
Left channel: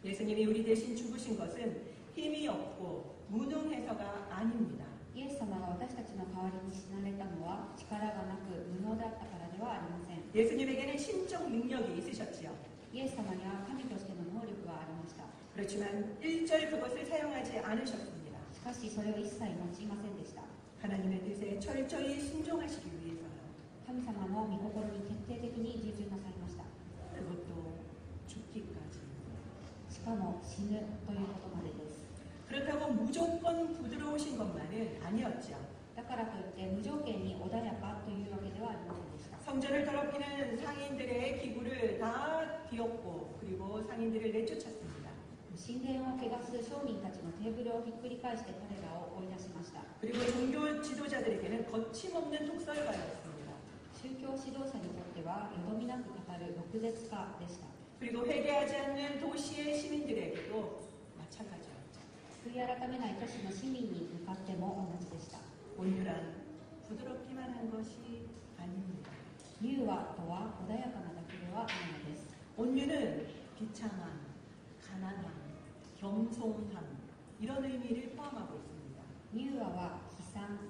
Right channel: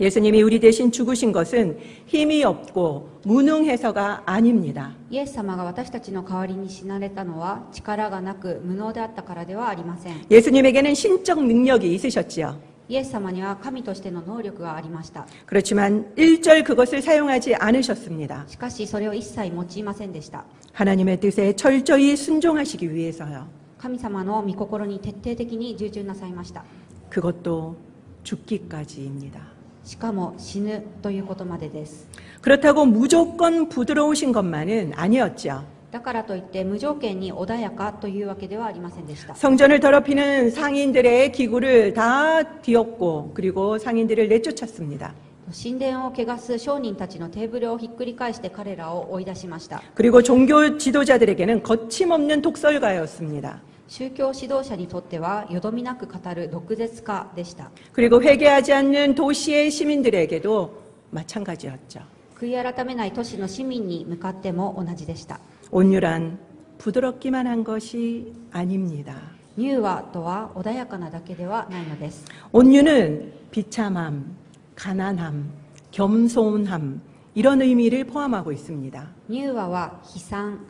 예수님이 우리 대신 죽으신 것은 힘이 없고 무능해서가 아닙니다. イエス様が私たちの代わりに死なれたのは力がなく無能であったからではありません。 예수님에게는 신적 능력이 있으셨지요. イエス様には神としての能力がありました。 그렇지만 일절 그것을 사용하지 않으셨습니다. しかしそれを一切用いませんでした。 하나님의 뜻에 철저히 순종하시기 위해서요. 神様の御心に徹底的に従順なさいました。 그것도 죽기까지입니다. しかも死ぬということまでです。 그렇다고 무조건 부드러우신 것만은 아니었죠. だからといって無条件に穏やかというわけではありませんでした。 성전을 더럽히는 상인들의 기구를 다 뒤엎고 그리고 상인들을 내쫓았습니다. 神殿を汚す商人たちのテーブルをひっくり返して彼らを追い出しました。 그리고 종교 지도자들에게는 거침없는 독설가였습니다. 宗教指導者にとってはよどみなく語る毒舌家でした。 그리고 회개하지 않는 도시의 시민들에게도 마찬가지였죠. 悔い改めない都市の市民に向かっても同じでした。 온유란 부드럽기만 한 것이 아닙니다. 柔和とは穏やかなだけではないのです。 온유는 비참함, 가난함, 겸손함 이런 의미를 포함하고 있습니다. 柔和は悲惨、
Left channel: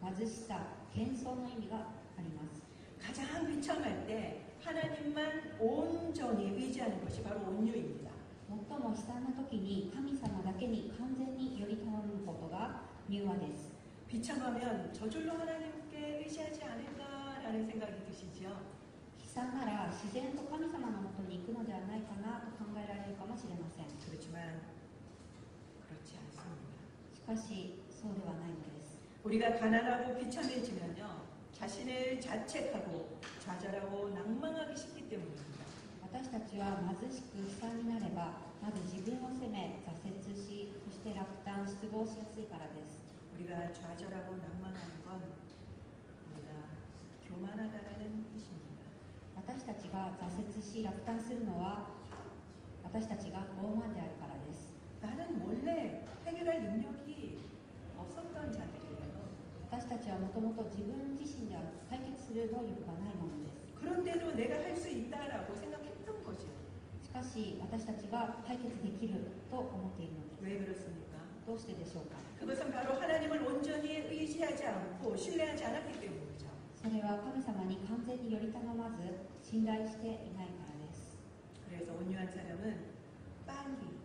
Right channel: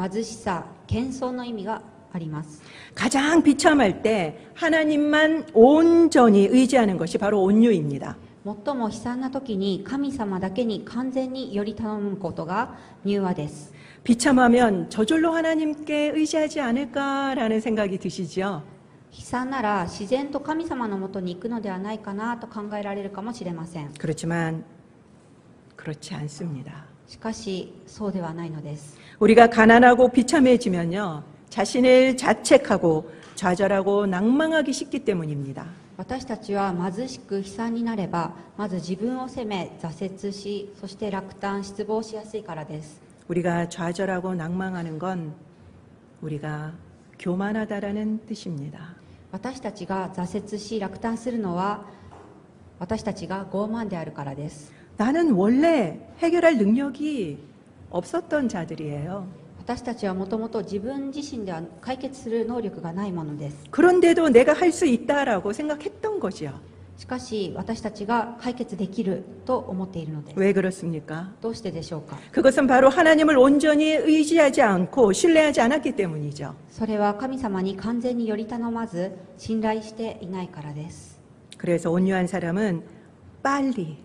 貧しさ、謙遜の意味があります。 가장 비참할 때 하나님만 온전히 의지하는 것이 바로 온유입니다. 最も悲惨な時に神様だけに完全により頼むことが柔和です。 비참하면 저절로 하나님께 의지하지 않을까라는 생각이 드시죠? 悲惨なら自然と神様のもとに行くのではないかなと考えられるかもしれません。 그렇지만 그렇지 않습니다. しかしそうではないのです。 우리가 가난하고 비참해지면요, 자신을 자책하고 좌절하고 낭망하기 쉽기 때문입니다. 私たちは貧しく悲惨になればまず自分を責め挫折し、そして落胆失望しやすいからです。 우리가 좌절하고 낭망하는 건 우리가 교만하다라는 뜻입니다. 私たちが挫折し落胆するのは私たちが傲慢であるからです。 나는 원래 해결할 능력이 없었던 자들이에요. 私たちはもともと自分自身では解決する能力がないものです。 그런데도 내가 할 수 있다라고 생각했던 거죠. しかし私たちが解決できると思っているのです。 왜 그렇습니까? どうしてでしょうか。 그것은 바로 하나님을 온전히 의지하지 않고 신뢰하지 않았기 때문이죠. それは神様に完全により頼まず信頼していないからです。 그래서 온유한 사람은 빨리,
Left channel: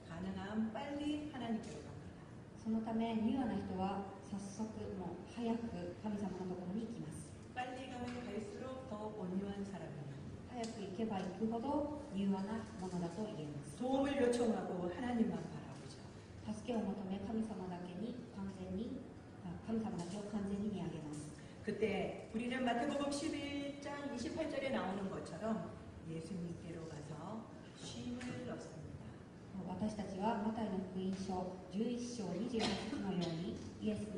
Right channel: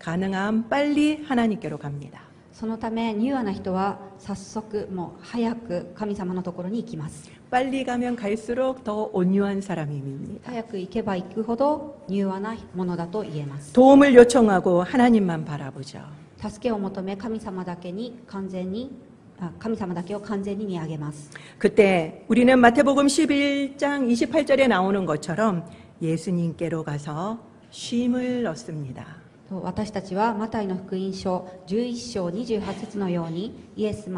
가능한 빨리 하나님께로 갑니다. そのため柔和な人は早速もう早く神様のところに行きます。 빨리 가면 갈수록 더 온유한 사람입니다. 早く行けば行くほど柔和なものだと言えます。 도움을 요청하고 하나님만 바라보죠. 助けを求め神様だけを完全に見上げます。 그때 우리는 마태복음 11장 28절에 나오는 것처럼 예수님께로 가서 쉼을 얻습니다. 私たちはマタイの福音書11章28節のようにイエス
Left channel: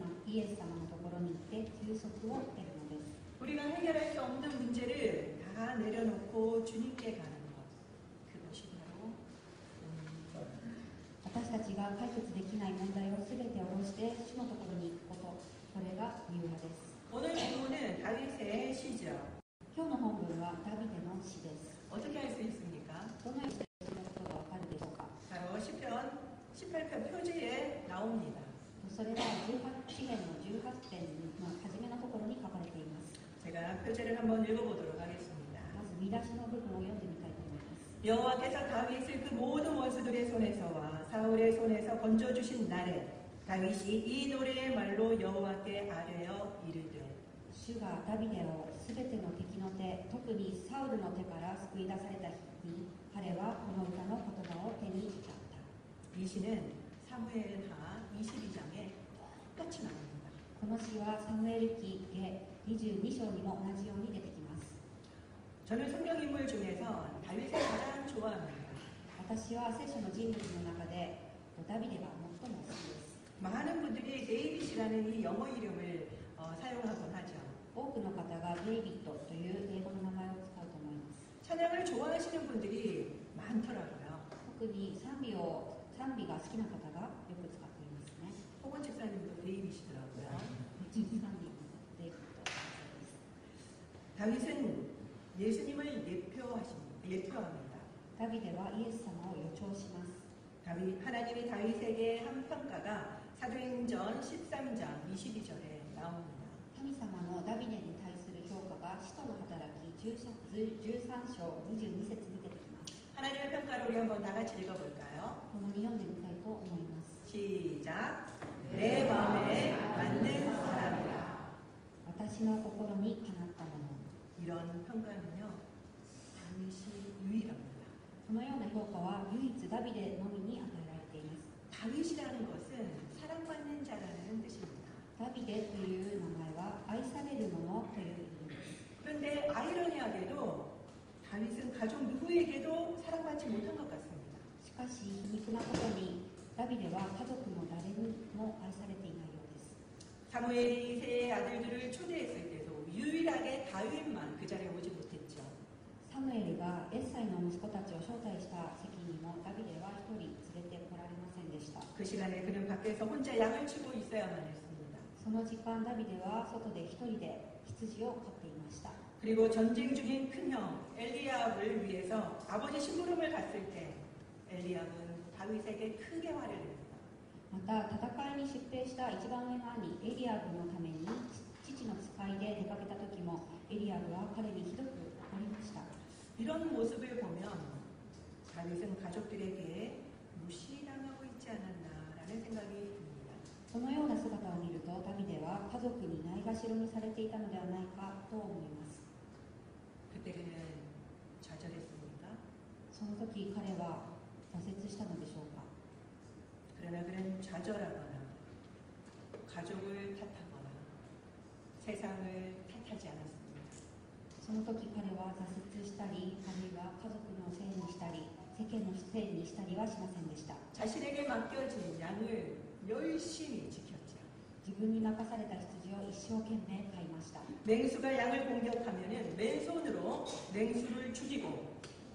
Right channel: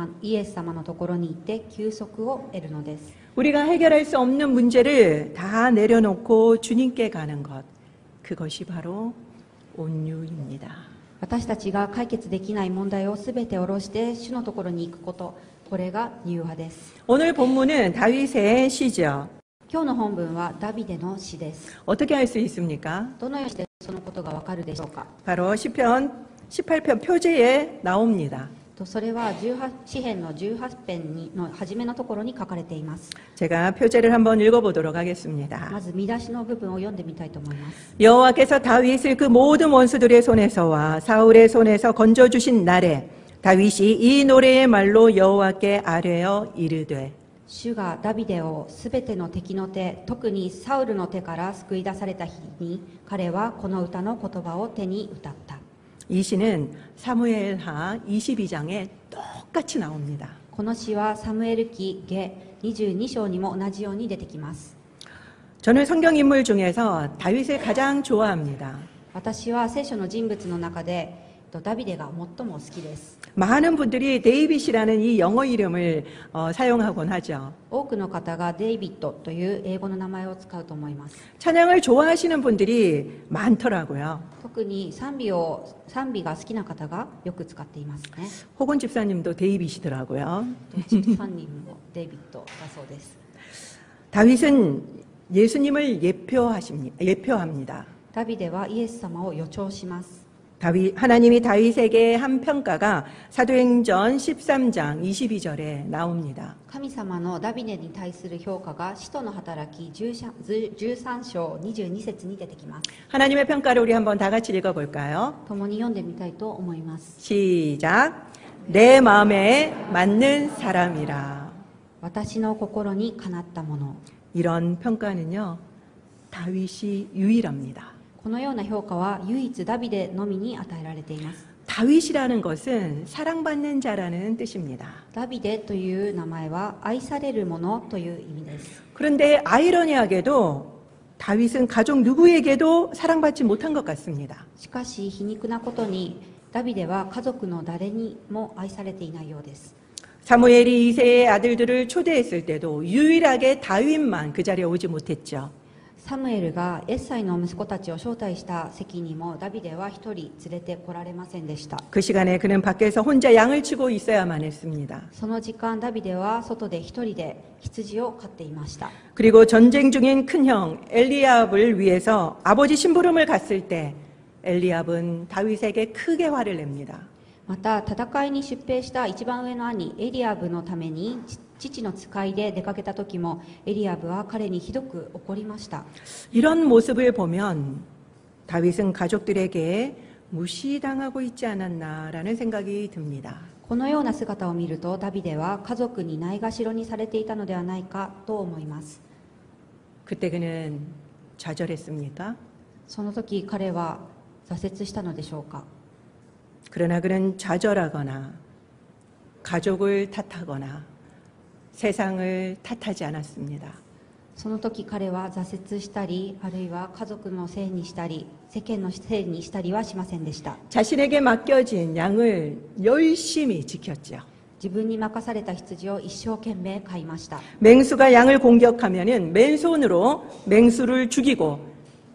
様のところに行って休息を得るのです。 우리가 해결할 수 없는 문제를 다 내려놓고 주님께 가는 것, 그것이 바로 온유입니다. 私たちが解決できない問題をすべて下ろして主のところに行くこと、これが柔和です。 오늘 본문은 다윗의 시죠. 今日の本文はダビデの詩です。 어떻게 알 수 있습니까? どのようにしてそのことがわかるでしょうか。 바로 시편 18편 표제에 나옵니다. それは詩編の18編の初めのところに書かれています。 제가 표제를 한번 읽어보도록 하겠습니다. まず見出しの部分を読んでみたいと思います。 여호와께서 다윗을 그 모든 원수들의 손에서와 사울의 손에서 건져주신 날에 다윗이 이 노래의 말로 여호와께 아뢰어 이르되. 主がダビデをすべての敵の手、特にサウルの手から救い出された日に彼はこの歌の言葉を手に歌った。 이 시는 사무엘하 22장에 똑같이 나옵니다. この詩はサムエル記下22章にも同じように出てきます。 저는 성경 인물 중에서 다윗을 가장 좋아합니다. 私は聖書の人物の中でダビデが最も好きです。 많은 분들이 데이빗이라는 이 영어 이름을 사용하곤 하죠. 多くの方がデイビッドという英語の名前を使うと思います。 찬양을 좋아하시는 분들이 많더라고요. 特に賛美が好きな方がよく使っていますね。 호곤 집사님도 데이빗이더라고요. チップさんにもデイビッドだそうです。 다윗은 예수님을 예표합니다. ダビデはイエス様を予兆します。 하나님이 다윗에게 한 평가가 사도행전 13장 22절에 나옵니다. 神様のダビデに対する評価が使徒の働き13章22節に出てきます。 하나님의 평가를 우리 한번 다 같이 읽어볼까요? 共に読んでみたいと思います。 시작. 내 마음에 맞는 사람이라. 私の心にかなったもの。 이런 평가는요, 다윗이 유일합니다. このような評価は唯一ダビデのみに与えられています。 다윗이라는 것은 사랑받는 자라는 뜻입니다. ダビデという名前は愛されるものという意味です。 그런데 아이러니하게도 다윗은 가족 누구에게도 사랑받지 못한 것 같습니다. しかし皮肉なことにダビデは家族の誰にも愛されていないようです。 사무엘이 이새의 아들들을 초대했을 때도 유일하게 다윗만 그 자리에 오지 못했죠. サムエルがエッサイの息子たちを招待した席にもダビデは一人連れてこられませんでした。 그 시간에 그는 밖에서 혼자 양을 치고 있어야만 했습니다. その時間ダビデは外で一人で羊を飼っていました。 그리고 전쟁 중인 큰형 엘리압을 위해서 아버지 심부름을 갔을 때 엘리압은 다윗에게 크게 화를 냅니다. また戦いに出兵した一番上の兄エリアブのために父の使いで出かけた時もエリアブは彼にひどく怒りました。 이런 모습을 보면 다윗은 가족들에게 무시당하고 있지 않았나라는 생각이 듭니다. このような姿を見るとダビデは家族にないがしろにされていたのではないかと思います。 그때 그는 좌절했습니까? その時彼は挫折したのでしょうか。 그러나 그는 좌절하거나 가족을 탓하거나 세상을 탓하지 않았습니다. その時彼は挫折したりあるいは家族のせいにしたり世間のせいにしたりはしませんでした。 자신에게 맡겨진 양을 열심히 지켰죠. 自分に任された羊を一生懸命飼いました。 맹수가 양을 공격하면은 맨손으로 맹수를 죽이고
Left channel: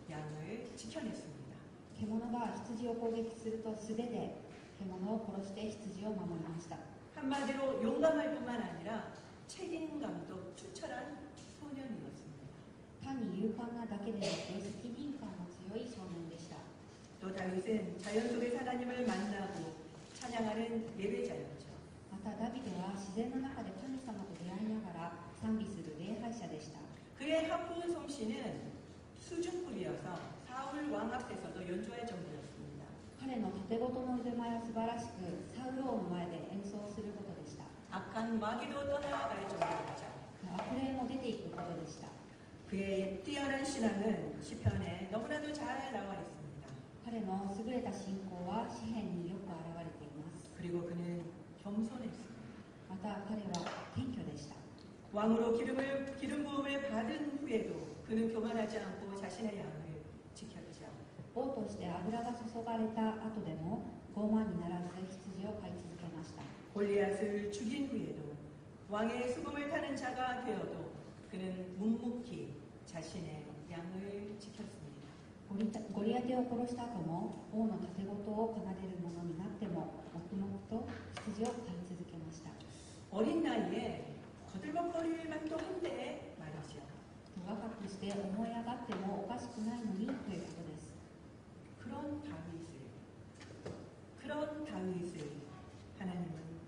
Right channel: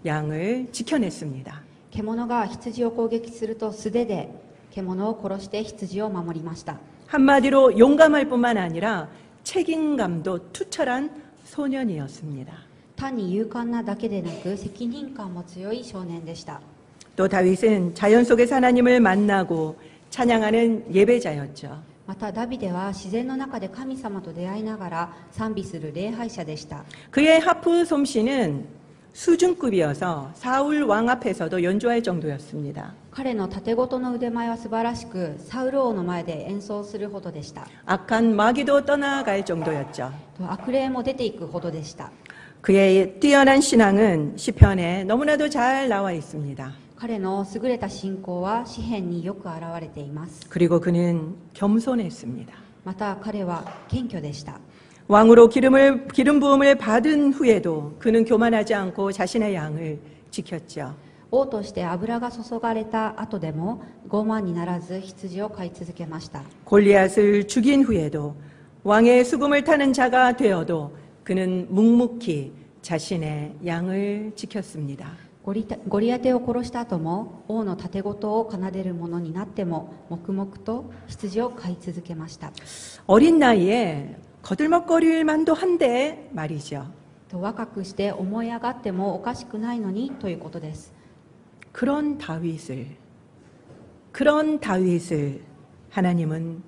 양을 지켜냈습니다. 獣が羊を攻撃すると素手で獣を殺して羊を守りました。 한마디로 용감할 뿐만 아니라 책임감도 투철한 소년이었습니다. 単に勇敢なだけでなく責任感も強い少年でした。 또 다윗은 자연 속에서 하나님을 만나고 찬양하는 예배자였죠. またダビデは自然の中で神様と出会いながら賛美する礼拝者でした。 그의 하프 솜씨는 수준급이어서 사울 왕 앞에서도 연주할 정도였습니다. 彼の盾ごとの腕前は素晴らしくサウル王の前で演奏するほどでした。 악한 마귀도 떠나갈 정도였죠. 悪霊も出ていくほどでした。 그의 뛰어난 신앙은 시편에 너무나도 잘 나와 있습니다. 彼の優れた信仰は詩篇によく現れています。 그리고 그는 겸손했습니다. また彼は謙虚でした。 왕으로 기름 부음을 받은 후에도 그는 교만하지 않고 자신의 양을 지켰죠. 王として油が注がれた後でも傲慢にならず羊を飼い続けました。 골리앗을 죽인 후에도 왕의 수금을 타는 자가 되어도 그는 묵묵히 자신의 양을 지켰습니다. ゴリアテを殺した後も王の盾ごとを奏でる者になっても黙々と羊を飼い続けました。 어린 나이에 거들먹거릴 만도 한데 말이죠. 若くして思い上がってもおかしくないのにということです。 그런 다윗을 하나님은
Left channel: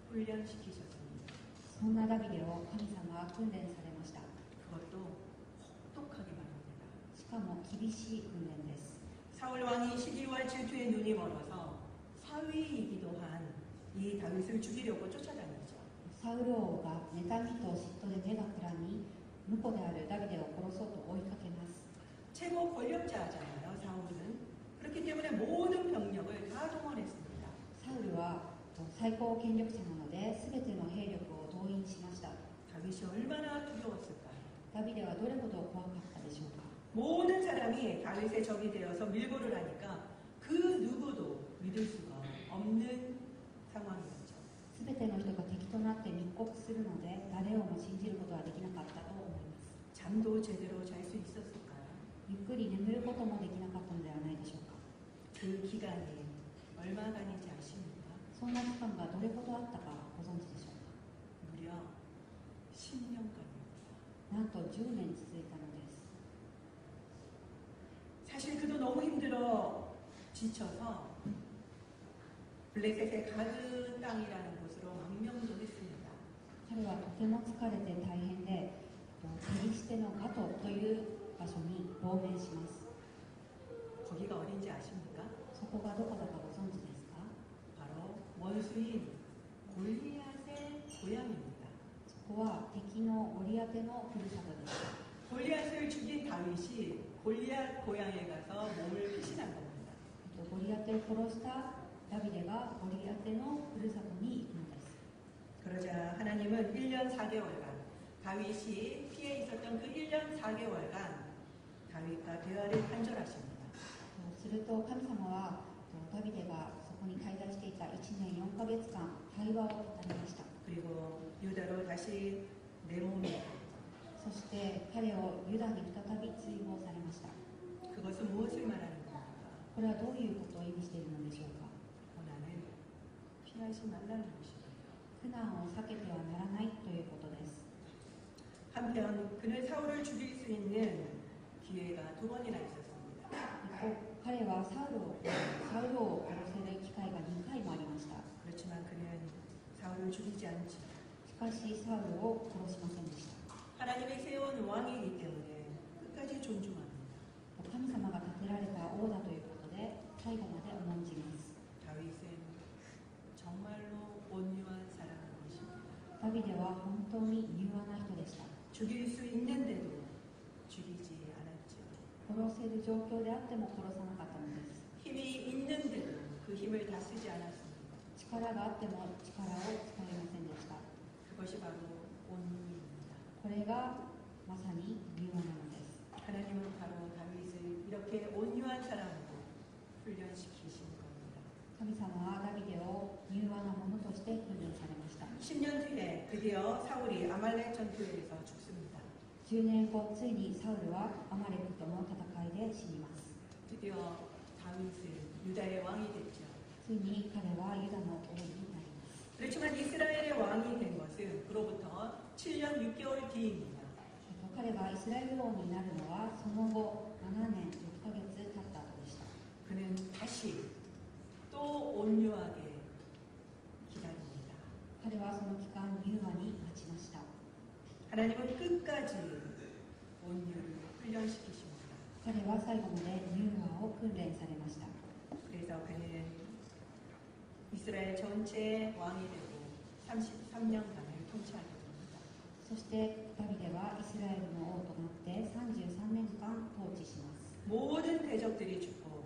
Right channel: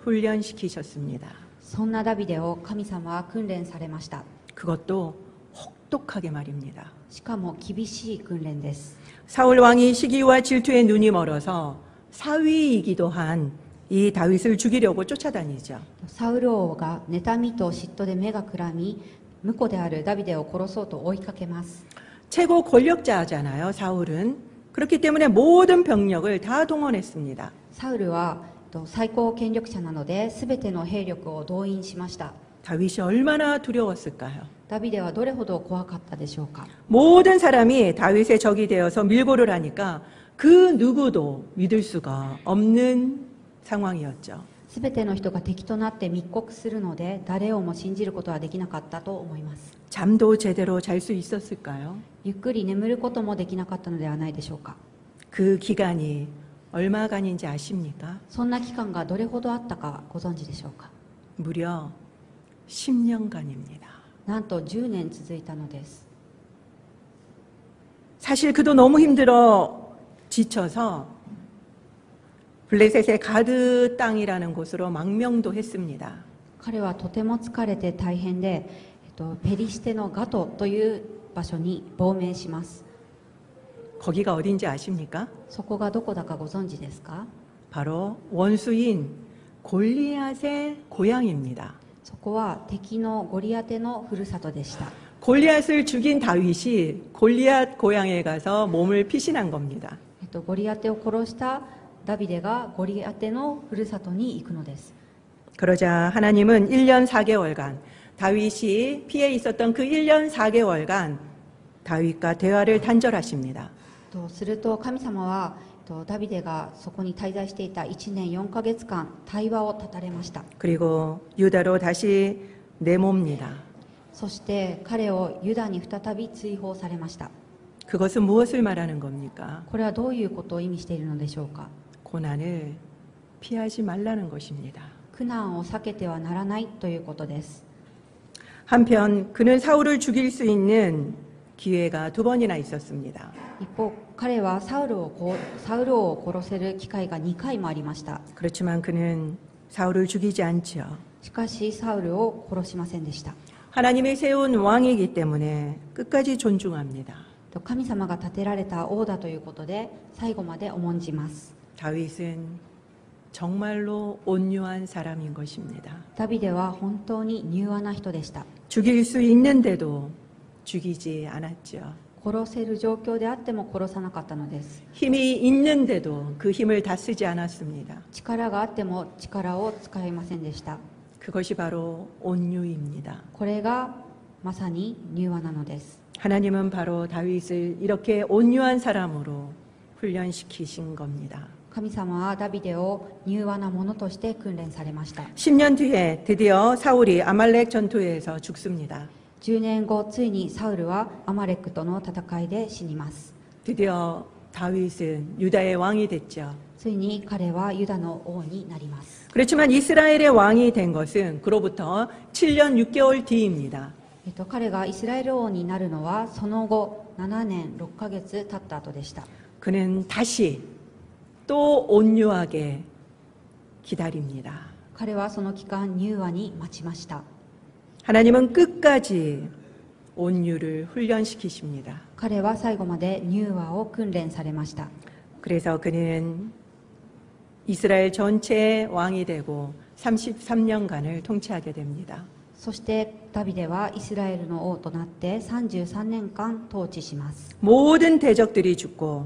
훈련시키셨습니다. そんなダビデを神様は訓練されました。 그것도 혹독하게 말입니다. しかも厳しい訓練です。 사울 왕이 시기와 질투에 눈이 멀어서 사위이기도 한 이 다윗을 죽이려고 쫓아다니죠. サウル王が妬みと嫉妬で目がくらみ婿であるダビデを殺そうと追いかけます。 최고 권력자잖아요, 사울은. 그렇기 때문에 모든 병력을 다 동원했습니다. サウルは最高権力者なので全ての兵力を動員しました。 다윗이 얼마나 두려웠을까요? ダビデはどれほど怖かったでしょうか。 모든 사람이 다윗의 적이 되어서 밀고를 하니까 그 누구도 믿을 수가 없는 상황이었죠. 全ての人が敵となって密告するので誰をも信じることはできなかったと思います。 잠도 제대로 잘 수 있었을까요? ゆっくり眠ることもできなかったのではないでしょうか。 그 기간이 얼마간인지 아십니까? そんな期間がどれほどあったかご存知でしょうか。 무려 10년간입니다. なんと10年続いたのです。 사실 그도 너무 힘들어 지쳐서 블레셋의 가드 땅이라는 곳으로 망명도 했습니다. 彼はとても疲れて大変で、ペリシテのガトという場所に亡命します。 거기가 어딘지 아십니까? そこがどこだかご存知ですか？ 바로 원수인 골리앗의 고향입니다. そこは敵のゴリアテのふるさとでした。 골리앗을 죽인 다윗이 골리앗 고향에 가서 몸을 피신한 겁니다. ゴリアテを殺したダビデがゴリアテのふるさとに行くのです。 그러자 하나님은 1년 4개월간 다윗이 피해 있었던 그 1년 4개월간 다윗과 대화를 단절하십니다. すると神様はダビデがそこに滞在していた1年4ヶ月間対話を断たれました。 그리고 유다로 다시 내모입니다. そして彼をユダに再び追放されました。 그것은 무엇을 말하는 겁니까? これはどういうことを意味しているのでしょうか。 고난을 피하지 말라는 것입니다. 苦難を避けてはならないということです。 한편 그는 사울을 죽일 수 있는 기회가 2번이나 있었습니다. 一方彼はサウルを殺せる機会が2回もありました。 그렇지만 그는 사울을 죽이지 않죠. しかしサウルを殺しませんでした。 하나님이 세운 왕이기 때문에 끝까지 존중합니다. 神様が立てられた王だということで最後まで重んじます。 다윗은 정말로 온유한 사람인 것입니다. ダビデは本当に柔和な人でした。 죽일 수 있는데도 죽이지 않았죠. 殺せる状況であっても殺さなかったのです。 힘이 있는데도 그 힘을 다 쓰지 않았습니다. 力があっても力を使いませんでした。 그것이 바로 온유입니다. これがまさに柔和なのです。 하나님은 바로 다윗을 이렇게 온유한 사람으로 훈련시키신 겁니다. 神様はダビデを柔和なものとして訓練されました。 10년 뒤에 드디어 사울이 아말렉 전투에서 죽습니다. 10年後ついにサウルはアマレックとの戦いで死にます。 드디어 다윗은 유다의 왕이 됐죠. ついに彼はユダの王になります。 그렇지만 이스라엘의 왕이 된 것은 그로부터 7년 6개월 뒤입니다. 彼がイスラエル王になるのはその後7年6ヶ月経った後でした。 그는 다시 또 온유하게 기다립니다. 彼はその期間柔和に待ちました。 하나님은 끝까지 온유를 훈련시키십니다. 彼は最後まで柔和を訓練されました。 그래서 그는 이스라엘 전체의 왕이 되고 33년간을 통치하게 됩니다. そしてダビデはイスラエルの王となって33年間統治します。 모든 대적들이 죽고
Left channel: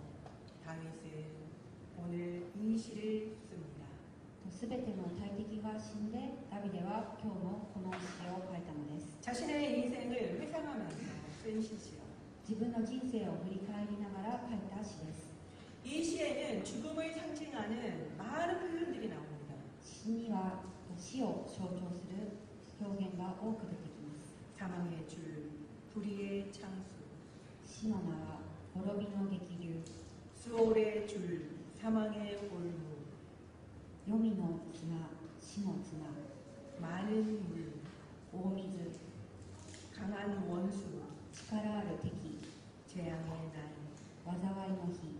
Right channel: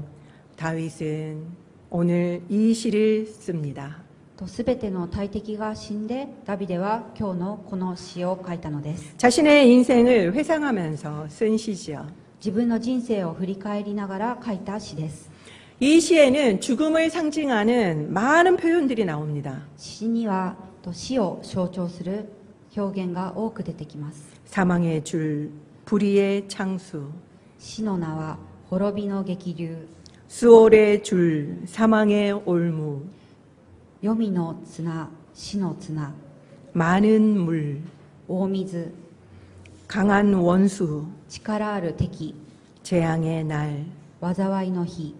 다윗은 오늘 이 시를 씁니다. すべての大敵が死んでダビデは今日のこの詩を書いたのです。 자신의 인생을 회상하면서 쓴 시지요. 自分の人生を振り返りながら書いた詩です。 이 시에는 죽음을 상징하는 많은 표현들이 나옵니다. 詩には死を象徴する表現が多く出てきます。 사망의 줄, 불의의 창수, 死の名は滅びの激流、 수월의 줄, 사망의 올무, 黄泉の綱、死の綱、 많은 물, 大水、 강한 원수, 力ある敵、 재앙의 날, 災いの日、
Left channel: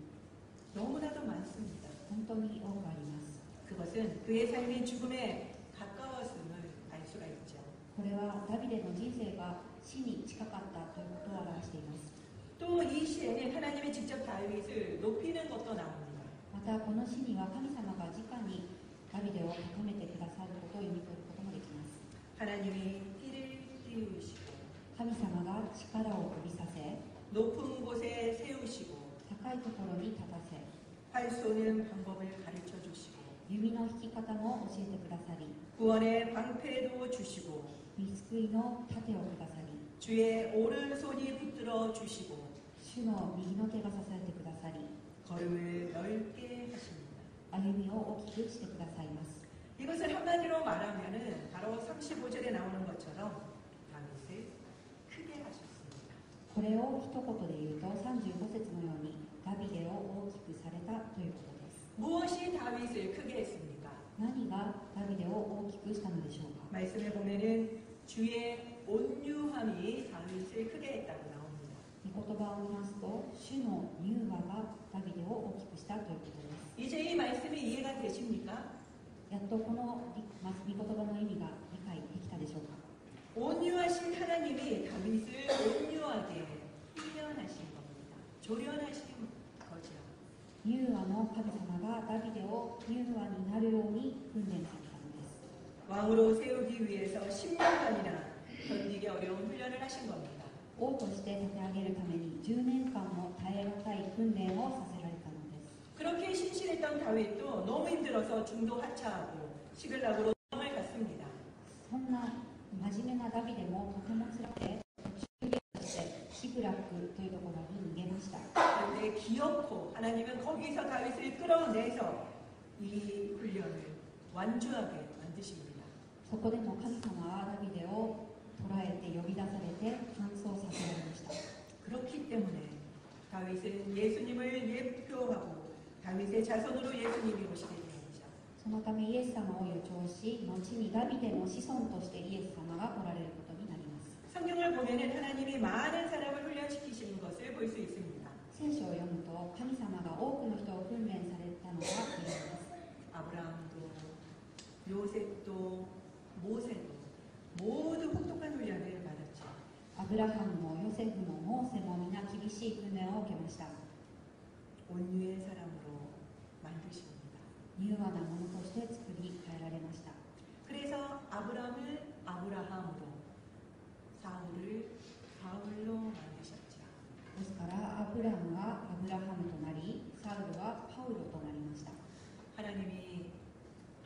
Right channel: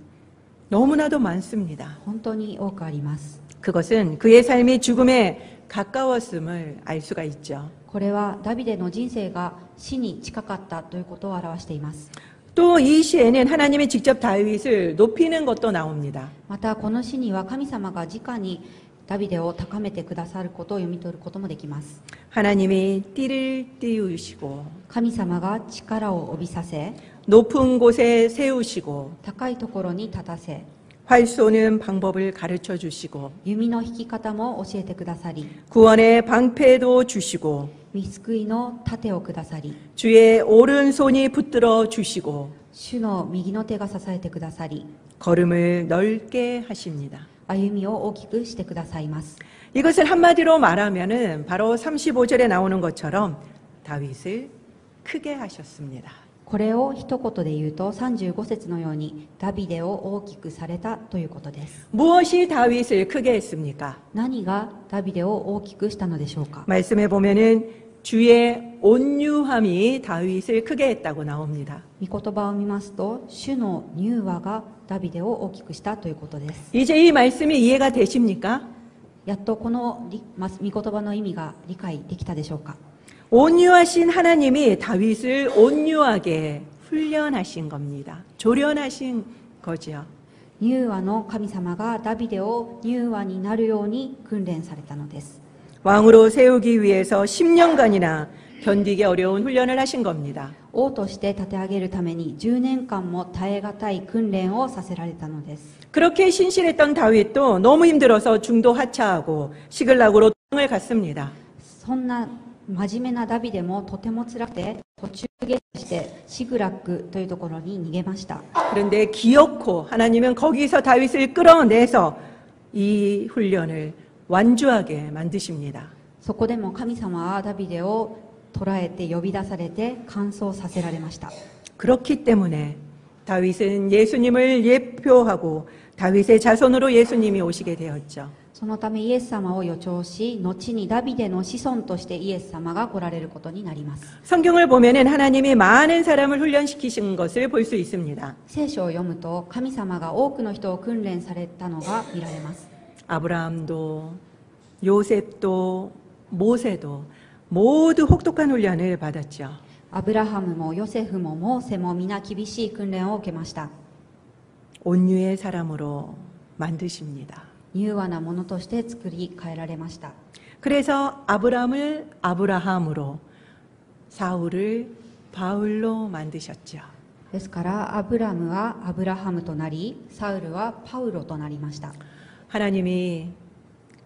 너무나도 많습니다. 本当に多くあります。 그것은 그의 삶이 죽음에 가까웠음을 알 수가 있죠. これはダビデの人生が死に近かったということを表しています。 또 이 시에는 하나님이 직접 다윗을 높이는 것도 나옵니다. またこの詩には神様が直にダビデを高めてくださることを読み取ることもできます。 하나님이 띠를 띄우시고 神様が力を帯びさせ、 높은 곳에 세우시고 高いところに立たせ、 활 쏘는 방법을 가르쳐 주시고 弓の引き方も教えてくださり、 구원의 방패도 주시고 御救いの盾をくださり、 주의 오른손이 붙들어 주시고 主の右の手が支えてくださり、 걸음을 넓게 하십니다. 歩みを大きくしてくださいます。 이것을 한마디로 말하면은 바로 35절에 나오는 것처럼 다윗을 크게 하셨습니다. これを一言で言うと35節のようにダビデを大きくされたということです。 무엇이 다윗을 크게 했습니까? 何がダビデを大きくしたのでしょうか。 말씀해 보면은 주의 온유함이 다윗을 크게 했다고 나옵니다. 御言葉を見ますと主の柔和がダビデを大きくしたということです。 이제 이 말씀이 이해가 되십니까? やっとこの御言葉の意味が理解できたでしょうか。 온유하신 하나님이 다윗을 온유하게 훈련하신 겁니다. 조련하신 거죠. 柔和の神様がダビデを柔和になるように訓練されたのです。 왕으로 세우기 위해서 10년간이나 견디기 어려운 훈련을 하신 겁니다. 王として立て上げるために10年間も耐え難い訓練をさせられたのです。 그렇게 신실했던 다윗도 너무 힘들어서 중도 하차하고 시글락으로 도망을 갔습니다. そんな真面目なダビデもとても辛くて途中下車してシグラックというところに逃げました。 그런데 기어코 하나님은 거기서 다윗을 끌어내서 이 훈련을 완주하게 만드십니다. そこでも神様はダビデを捕らえて呼び出されて完走させられました。 그렇기 때문에 다윗은 예수님을 예표하고 다윗의 자손으로 예수님이 오시게 되었죠. そのためイエス様を予兆し、後にダビデの子孫としてイエス様が来られることになります。 성경을 보면은 하나님이 많은 사람을 훈련시키신 것을 볼 수 있습니다. 聖書を読むと神様が多くの人を訓練されたのが見られます。 아브라함도 요셉도 모세도 모두 혹독한 훈련을 받았죠. アブラハムもヨセフもモーセも皆厳しい訓練を受けました。 온유의 사람으로 만드십니다. 柔和なものとして作り変えられました。 그래서 아브라함을 아브라함으로 사울을 바울로 만드셨죠. ですからアブラムはアブラハムとなり、サウルはパウロとなりました。 하나님이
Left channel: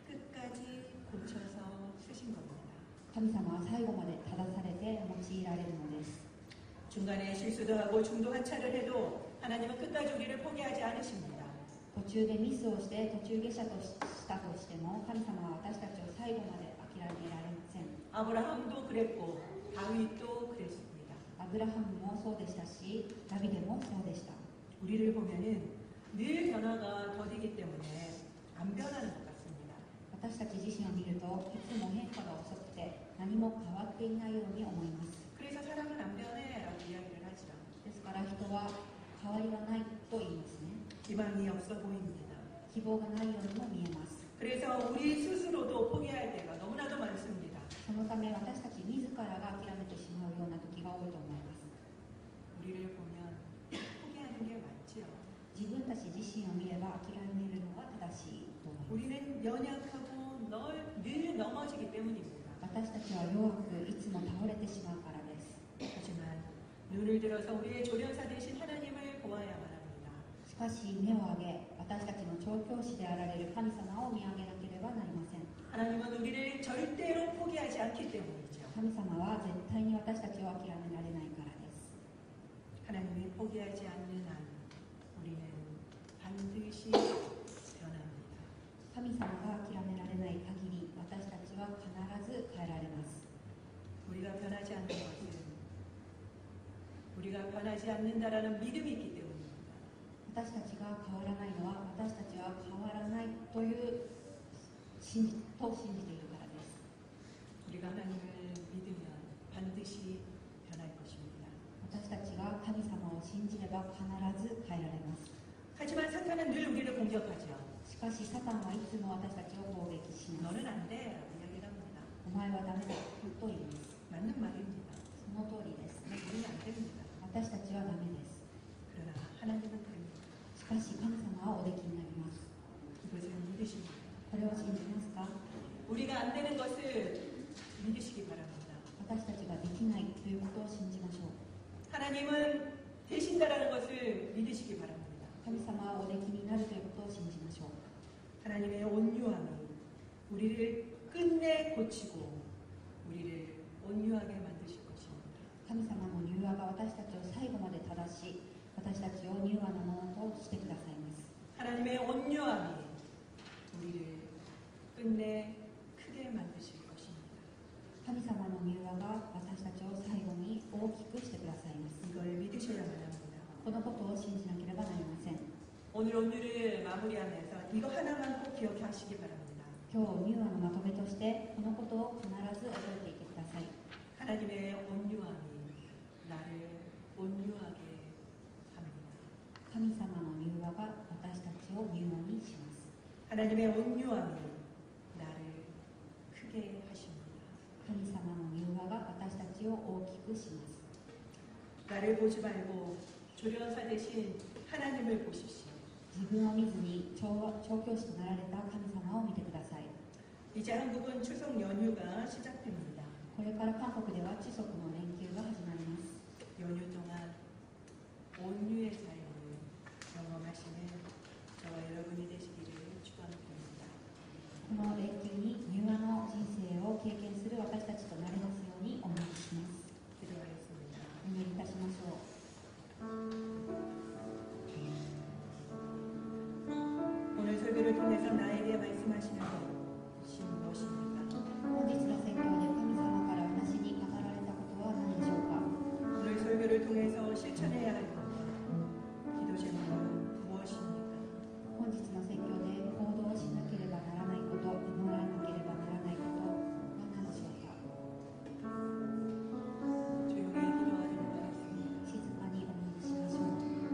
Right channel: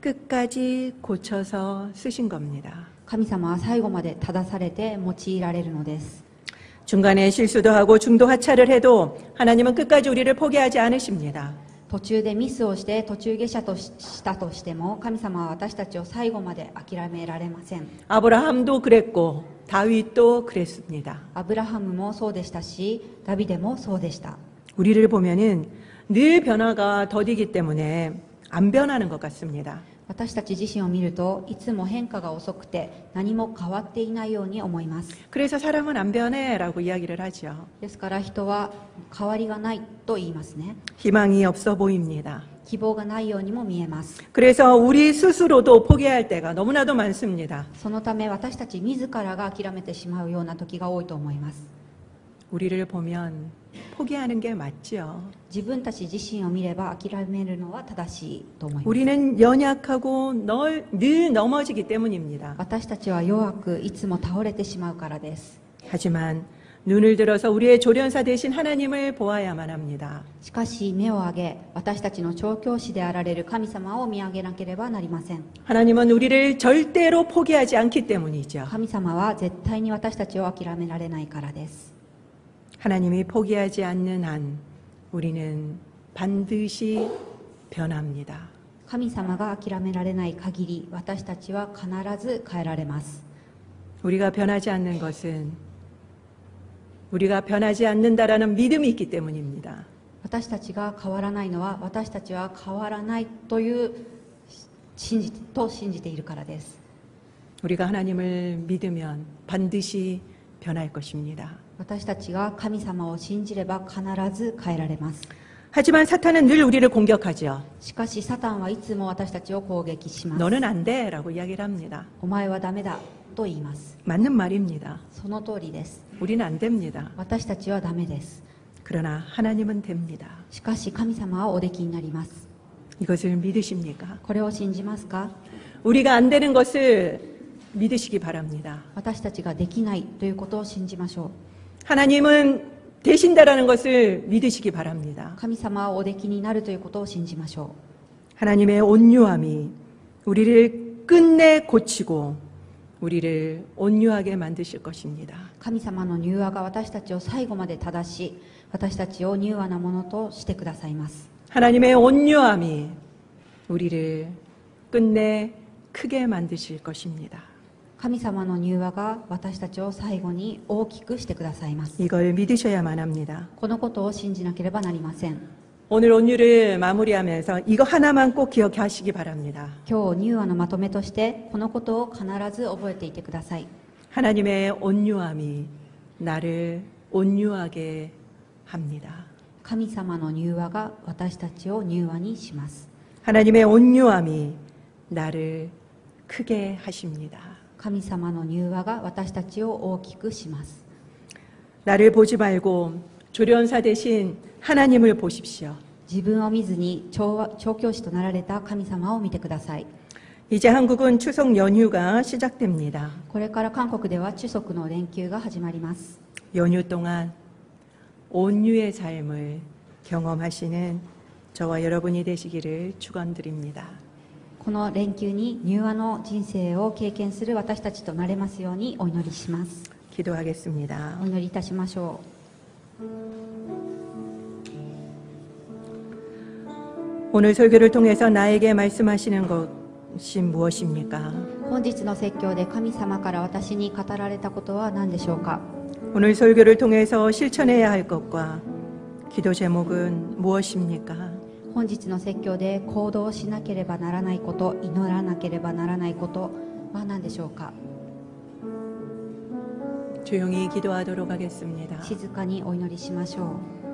끝까지 고쳐서 쓰신 겁니다. 神様は最後まで正されて用いられるのです。 중간에 실수도 하고 중도 하차를 해도 하나님은 끝까지 우리를 포기하지 않으십니다. 途中でミスをして途中下車としたとしても神様は私たちを最後まで諦められません。 아브라함도 그랬고 다윗도 그랬습니다. アブラハムもそうでしたし、ダビデもそうでした。 우리를 보면은 늘 변화가 더디기 때문에 안 변하는 것 같습니다. 私たち自身を見るといつも変化が遅くて何も変わっていないように思います。 그래서 사람은 안 변해라고 이야기를 하죠. ですから人は変わりがないと言いますね。 희망이 없어 보입니다. 希望がないようにも見えます。 그래서 우리 스스로도 포기할 때가 너무나도 많습니다. そのため私たち自らが諦めてしまうような時が多いと思います。 우리를 보면 포기하는 게 맞죠. 自分たち自身を見れば諦めるのは正しいと思います。 우리는 연약하고 늘 넘어지기 때문입니다. 私たちは弱くいつも倒れてしまうからです。 하지만 눈을 들어서 우리의 조련사 되신 하나님을 보아야만 합니다. しかし目を上げ私たちの調教師であられる神様を見上げなければなりません。 하나님은 우리를 절대로 포기하지 않기 때문이죠. 神様は絶対に私たちを諦められないからです。 하나님이 포기하지 않는 한 우리는 반드시 변합니다. 神様が諦められない限り私たちは必ず変えられます。 우리가 변하지 않는 것은 우리가 변하지 않는다라는 믿음이 있기 때문입니다. 私たちが変わらないのは私たちは変わらないという信じているからです。 우리가 하나님을 믿으면 반드시 변할 것입니다. 私たちが神様を信じれば必ず変えられます。 하지만 사탄은 늘 우리를 공격하죠. しかしサタンはいつも私たちを攻撃します。 너는 안 돼라고 이야기를 합니다. お前はダメだと言います。 맞는 말입니다. その通りです。 우리는 안 됩니다. 私たちはダメです。 그러나 하나님은 됩니다. しかし神様はおできになります。 이것을 믿으십니까? これを信じますか？ 우리가 안 되는 것을 믿으시기 바랍니다. 私たちができないということを信じましょう。 하나님은 되신다라는 것을 믿으시기 바랍니다. 神様はおできになるということを信じましょ 하나님의 온유함이 우리를 끝내 고치고 우리를 온유하게 만드실 것입니다. う。神様の柔和が私たちを最後まで正し、私たちを柔和なものとしてくださいます。 하나님의 온유함이 우리를 끝내 크게 만드실 것입니다. 神様の柔和が私たちを最後に大きくしてくださいます。 이걸 믿으셔야만 합니다. このことを信じなければなりません。 오늘 온유를 마무리하면서 이거 하나만 꼭 기억하시기 바랍니다. 今日柔和のまとめとしてこのことを必ず覚えていてください。 하나님의 온유함이 나를 온유하게 합니다. 神様の柔和が私たちを柔和にします。 하나님의 온유함이 나를 크게 하십니다. 神様の柔和が私たちを大きくします。 나를 보지 말고 조련사 대신 하나님을 보십시오. 自分を見ずに調教師となられた神様を見てください。 이제 한국은 추석 연휴가 시작됩니다. これから韓国では中足の連休が始まります。 연휴 동안 온유의 삶을 경험하시는 저와 여러분이 되시기를 축원드립니다. この連休に柔和の人生を経験する私たちとなれますようにお祈りします。 기도하겠습니다. お祈りいたしましょ 오늘 설교를 통해서 나에게 말씀하시는 것이 무엇입니까? う。本日の説教で神様から私に語られたことは何でしょうか。 오늘 설교를 통해서 실천해야 할 것과 기도 제목은 무엇입니까? 本日の説教で行動しなければならないこと、祈らなければならないことは何でしょうか。 조용히 기도하도록 하겠습니다. 静かにお祈りしましょう。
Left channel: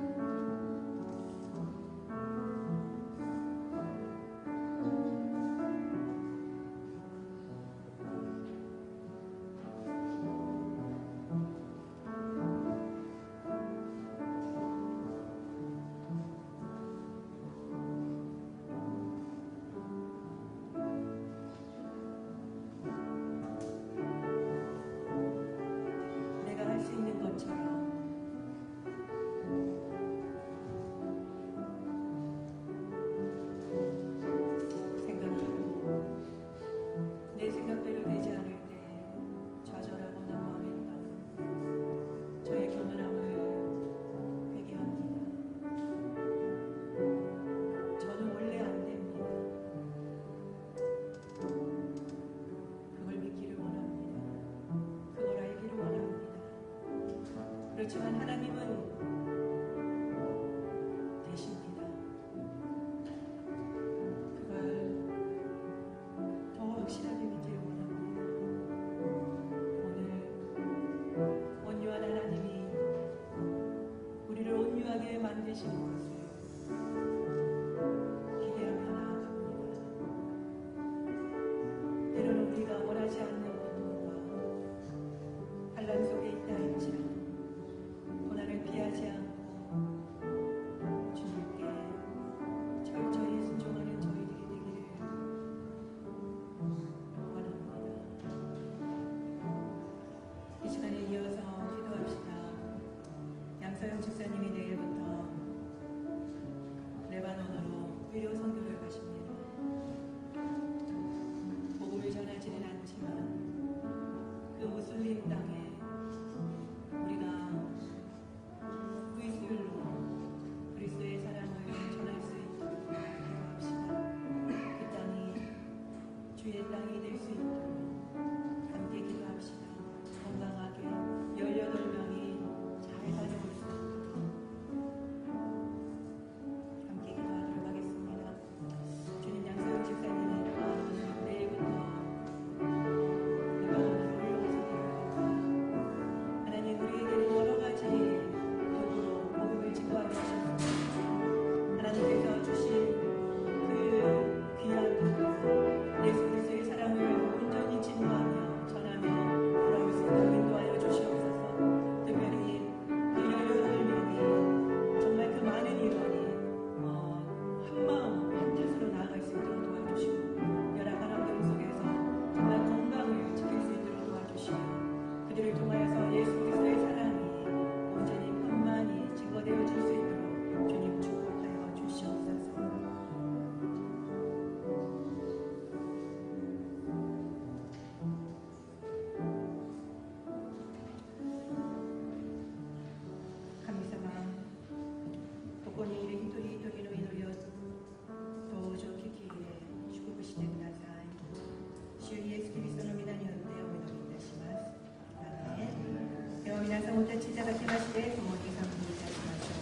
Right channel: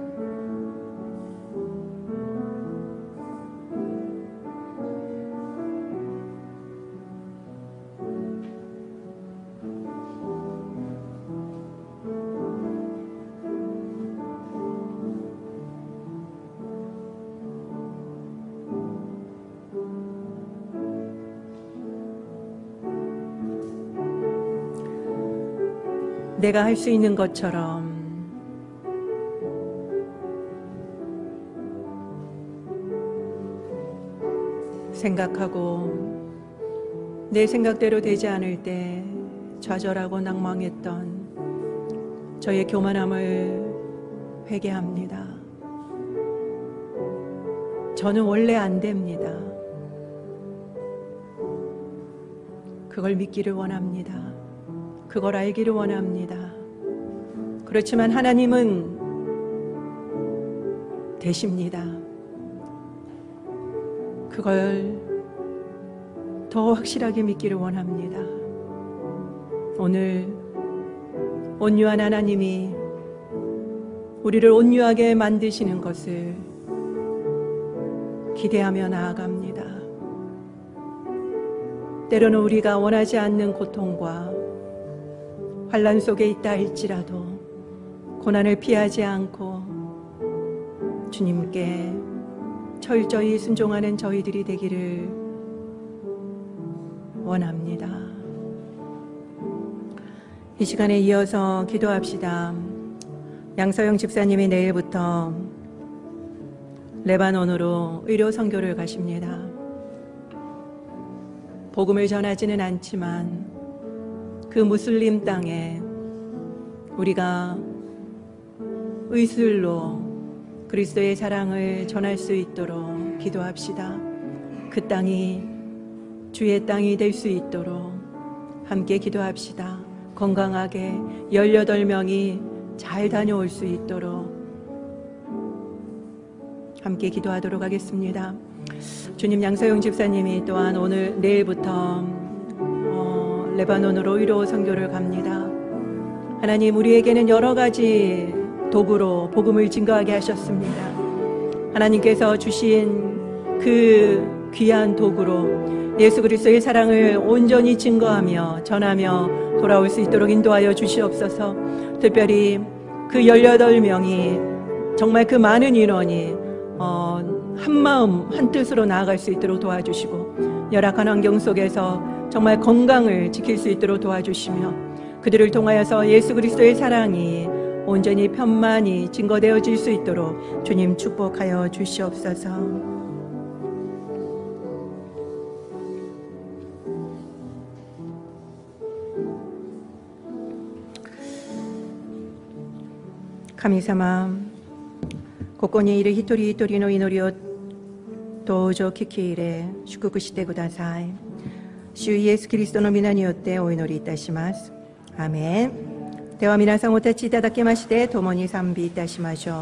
내가 할 수 있는 것처럼 생각하고 내 생각대로 되지 않을 때 좌절하고 낭망했던 저의 교만함을 회개합니다. 저는 원래 안 됩니다. 그걸 믿기를 원합니다. 그걸 알기를 원합니다. 그렇지만 하나님은 되십니다. 그걸 더 확실하게 믿기를 원합니다. 오늘 온유한 하나님이 우리를 온유하게 만드시는 것을 기대하며 나아갑니다. 때로는 우리가 원하지 않는 고통과 환난 속에 있다 할지라도 고난을 피하지 않고 주님께 철저히 순종하는 저희들이 되기를 원합니다. 이 시간에 이어서 기도합시다. 양서영 집사님이 내일부터 레바논으로 의료 선교를 가십니다. 복음을 전하지는 않지만 그 무슬림 땅에 우리가 의술로 그리스도의 사랑을 전할 수 있도록 기도합시다. 그 땅이 주의 땅이 될 수 있도록 함께 기도합시다. 건강하게 18명이 잘 다녀올 수 있도록 함께 기도하도록 하겠습니다. 주님, 양서영 집사님이 또한 오늘 내일부터 레바논으로 의료 선교를 갑니다. 하나님, 우리에게는 여러 가지 도구로 복음을 증거하게 하셨습니다. 하나님께서 주신 그 귀한 도구로 예수 그리스도의 사랑을 온전히 증거하며 전하며 돌아올 수 있도록 인도하여 주시옵소서. 특별히 그 18명이 정말 그 많은 인원이 한마음 한뜻으로 나아갈 수 있도록 도와주시고 열악한 환경 속에서 정말 건강을 지킬 수 있도록 도와주시며 그들을 통하여서 예수 그리스도의 사랑이 온전히 편만히 증거되어질 수 있도록 주님 축복하여 주시옵소서.神様、ここにいる一人一人の祈りをどうぞ聞き入れ祝福してください。主イエスキリストの皆によってお祈りいたします。アーメン。では皆さんお立ちいただきまして共に賛美いたしましょう。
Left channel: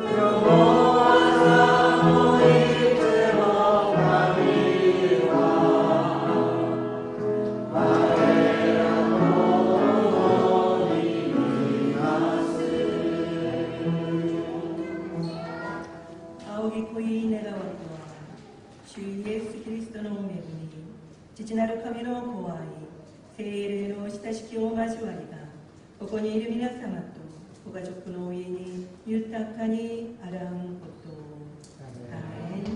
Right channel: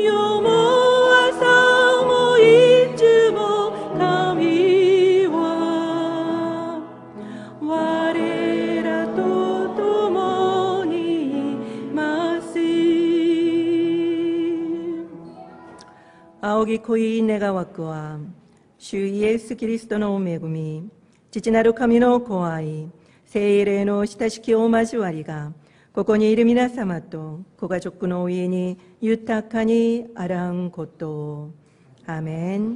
よ仰ぎ恋願わくは、主イエス・キリストの恵み、父なる神の子愛、聖霊の親しきお交わりが、ここにいる皆様とご家族の上に豊かにあらんことを。アーメン。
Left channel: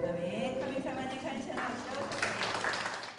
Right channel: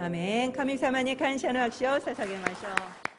アーメン。神様に感謝の拍手を捧げましょう。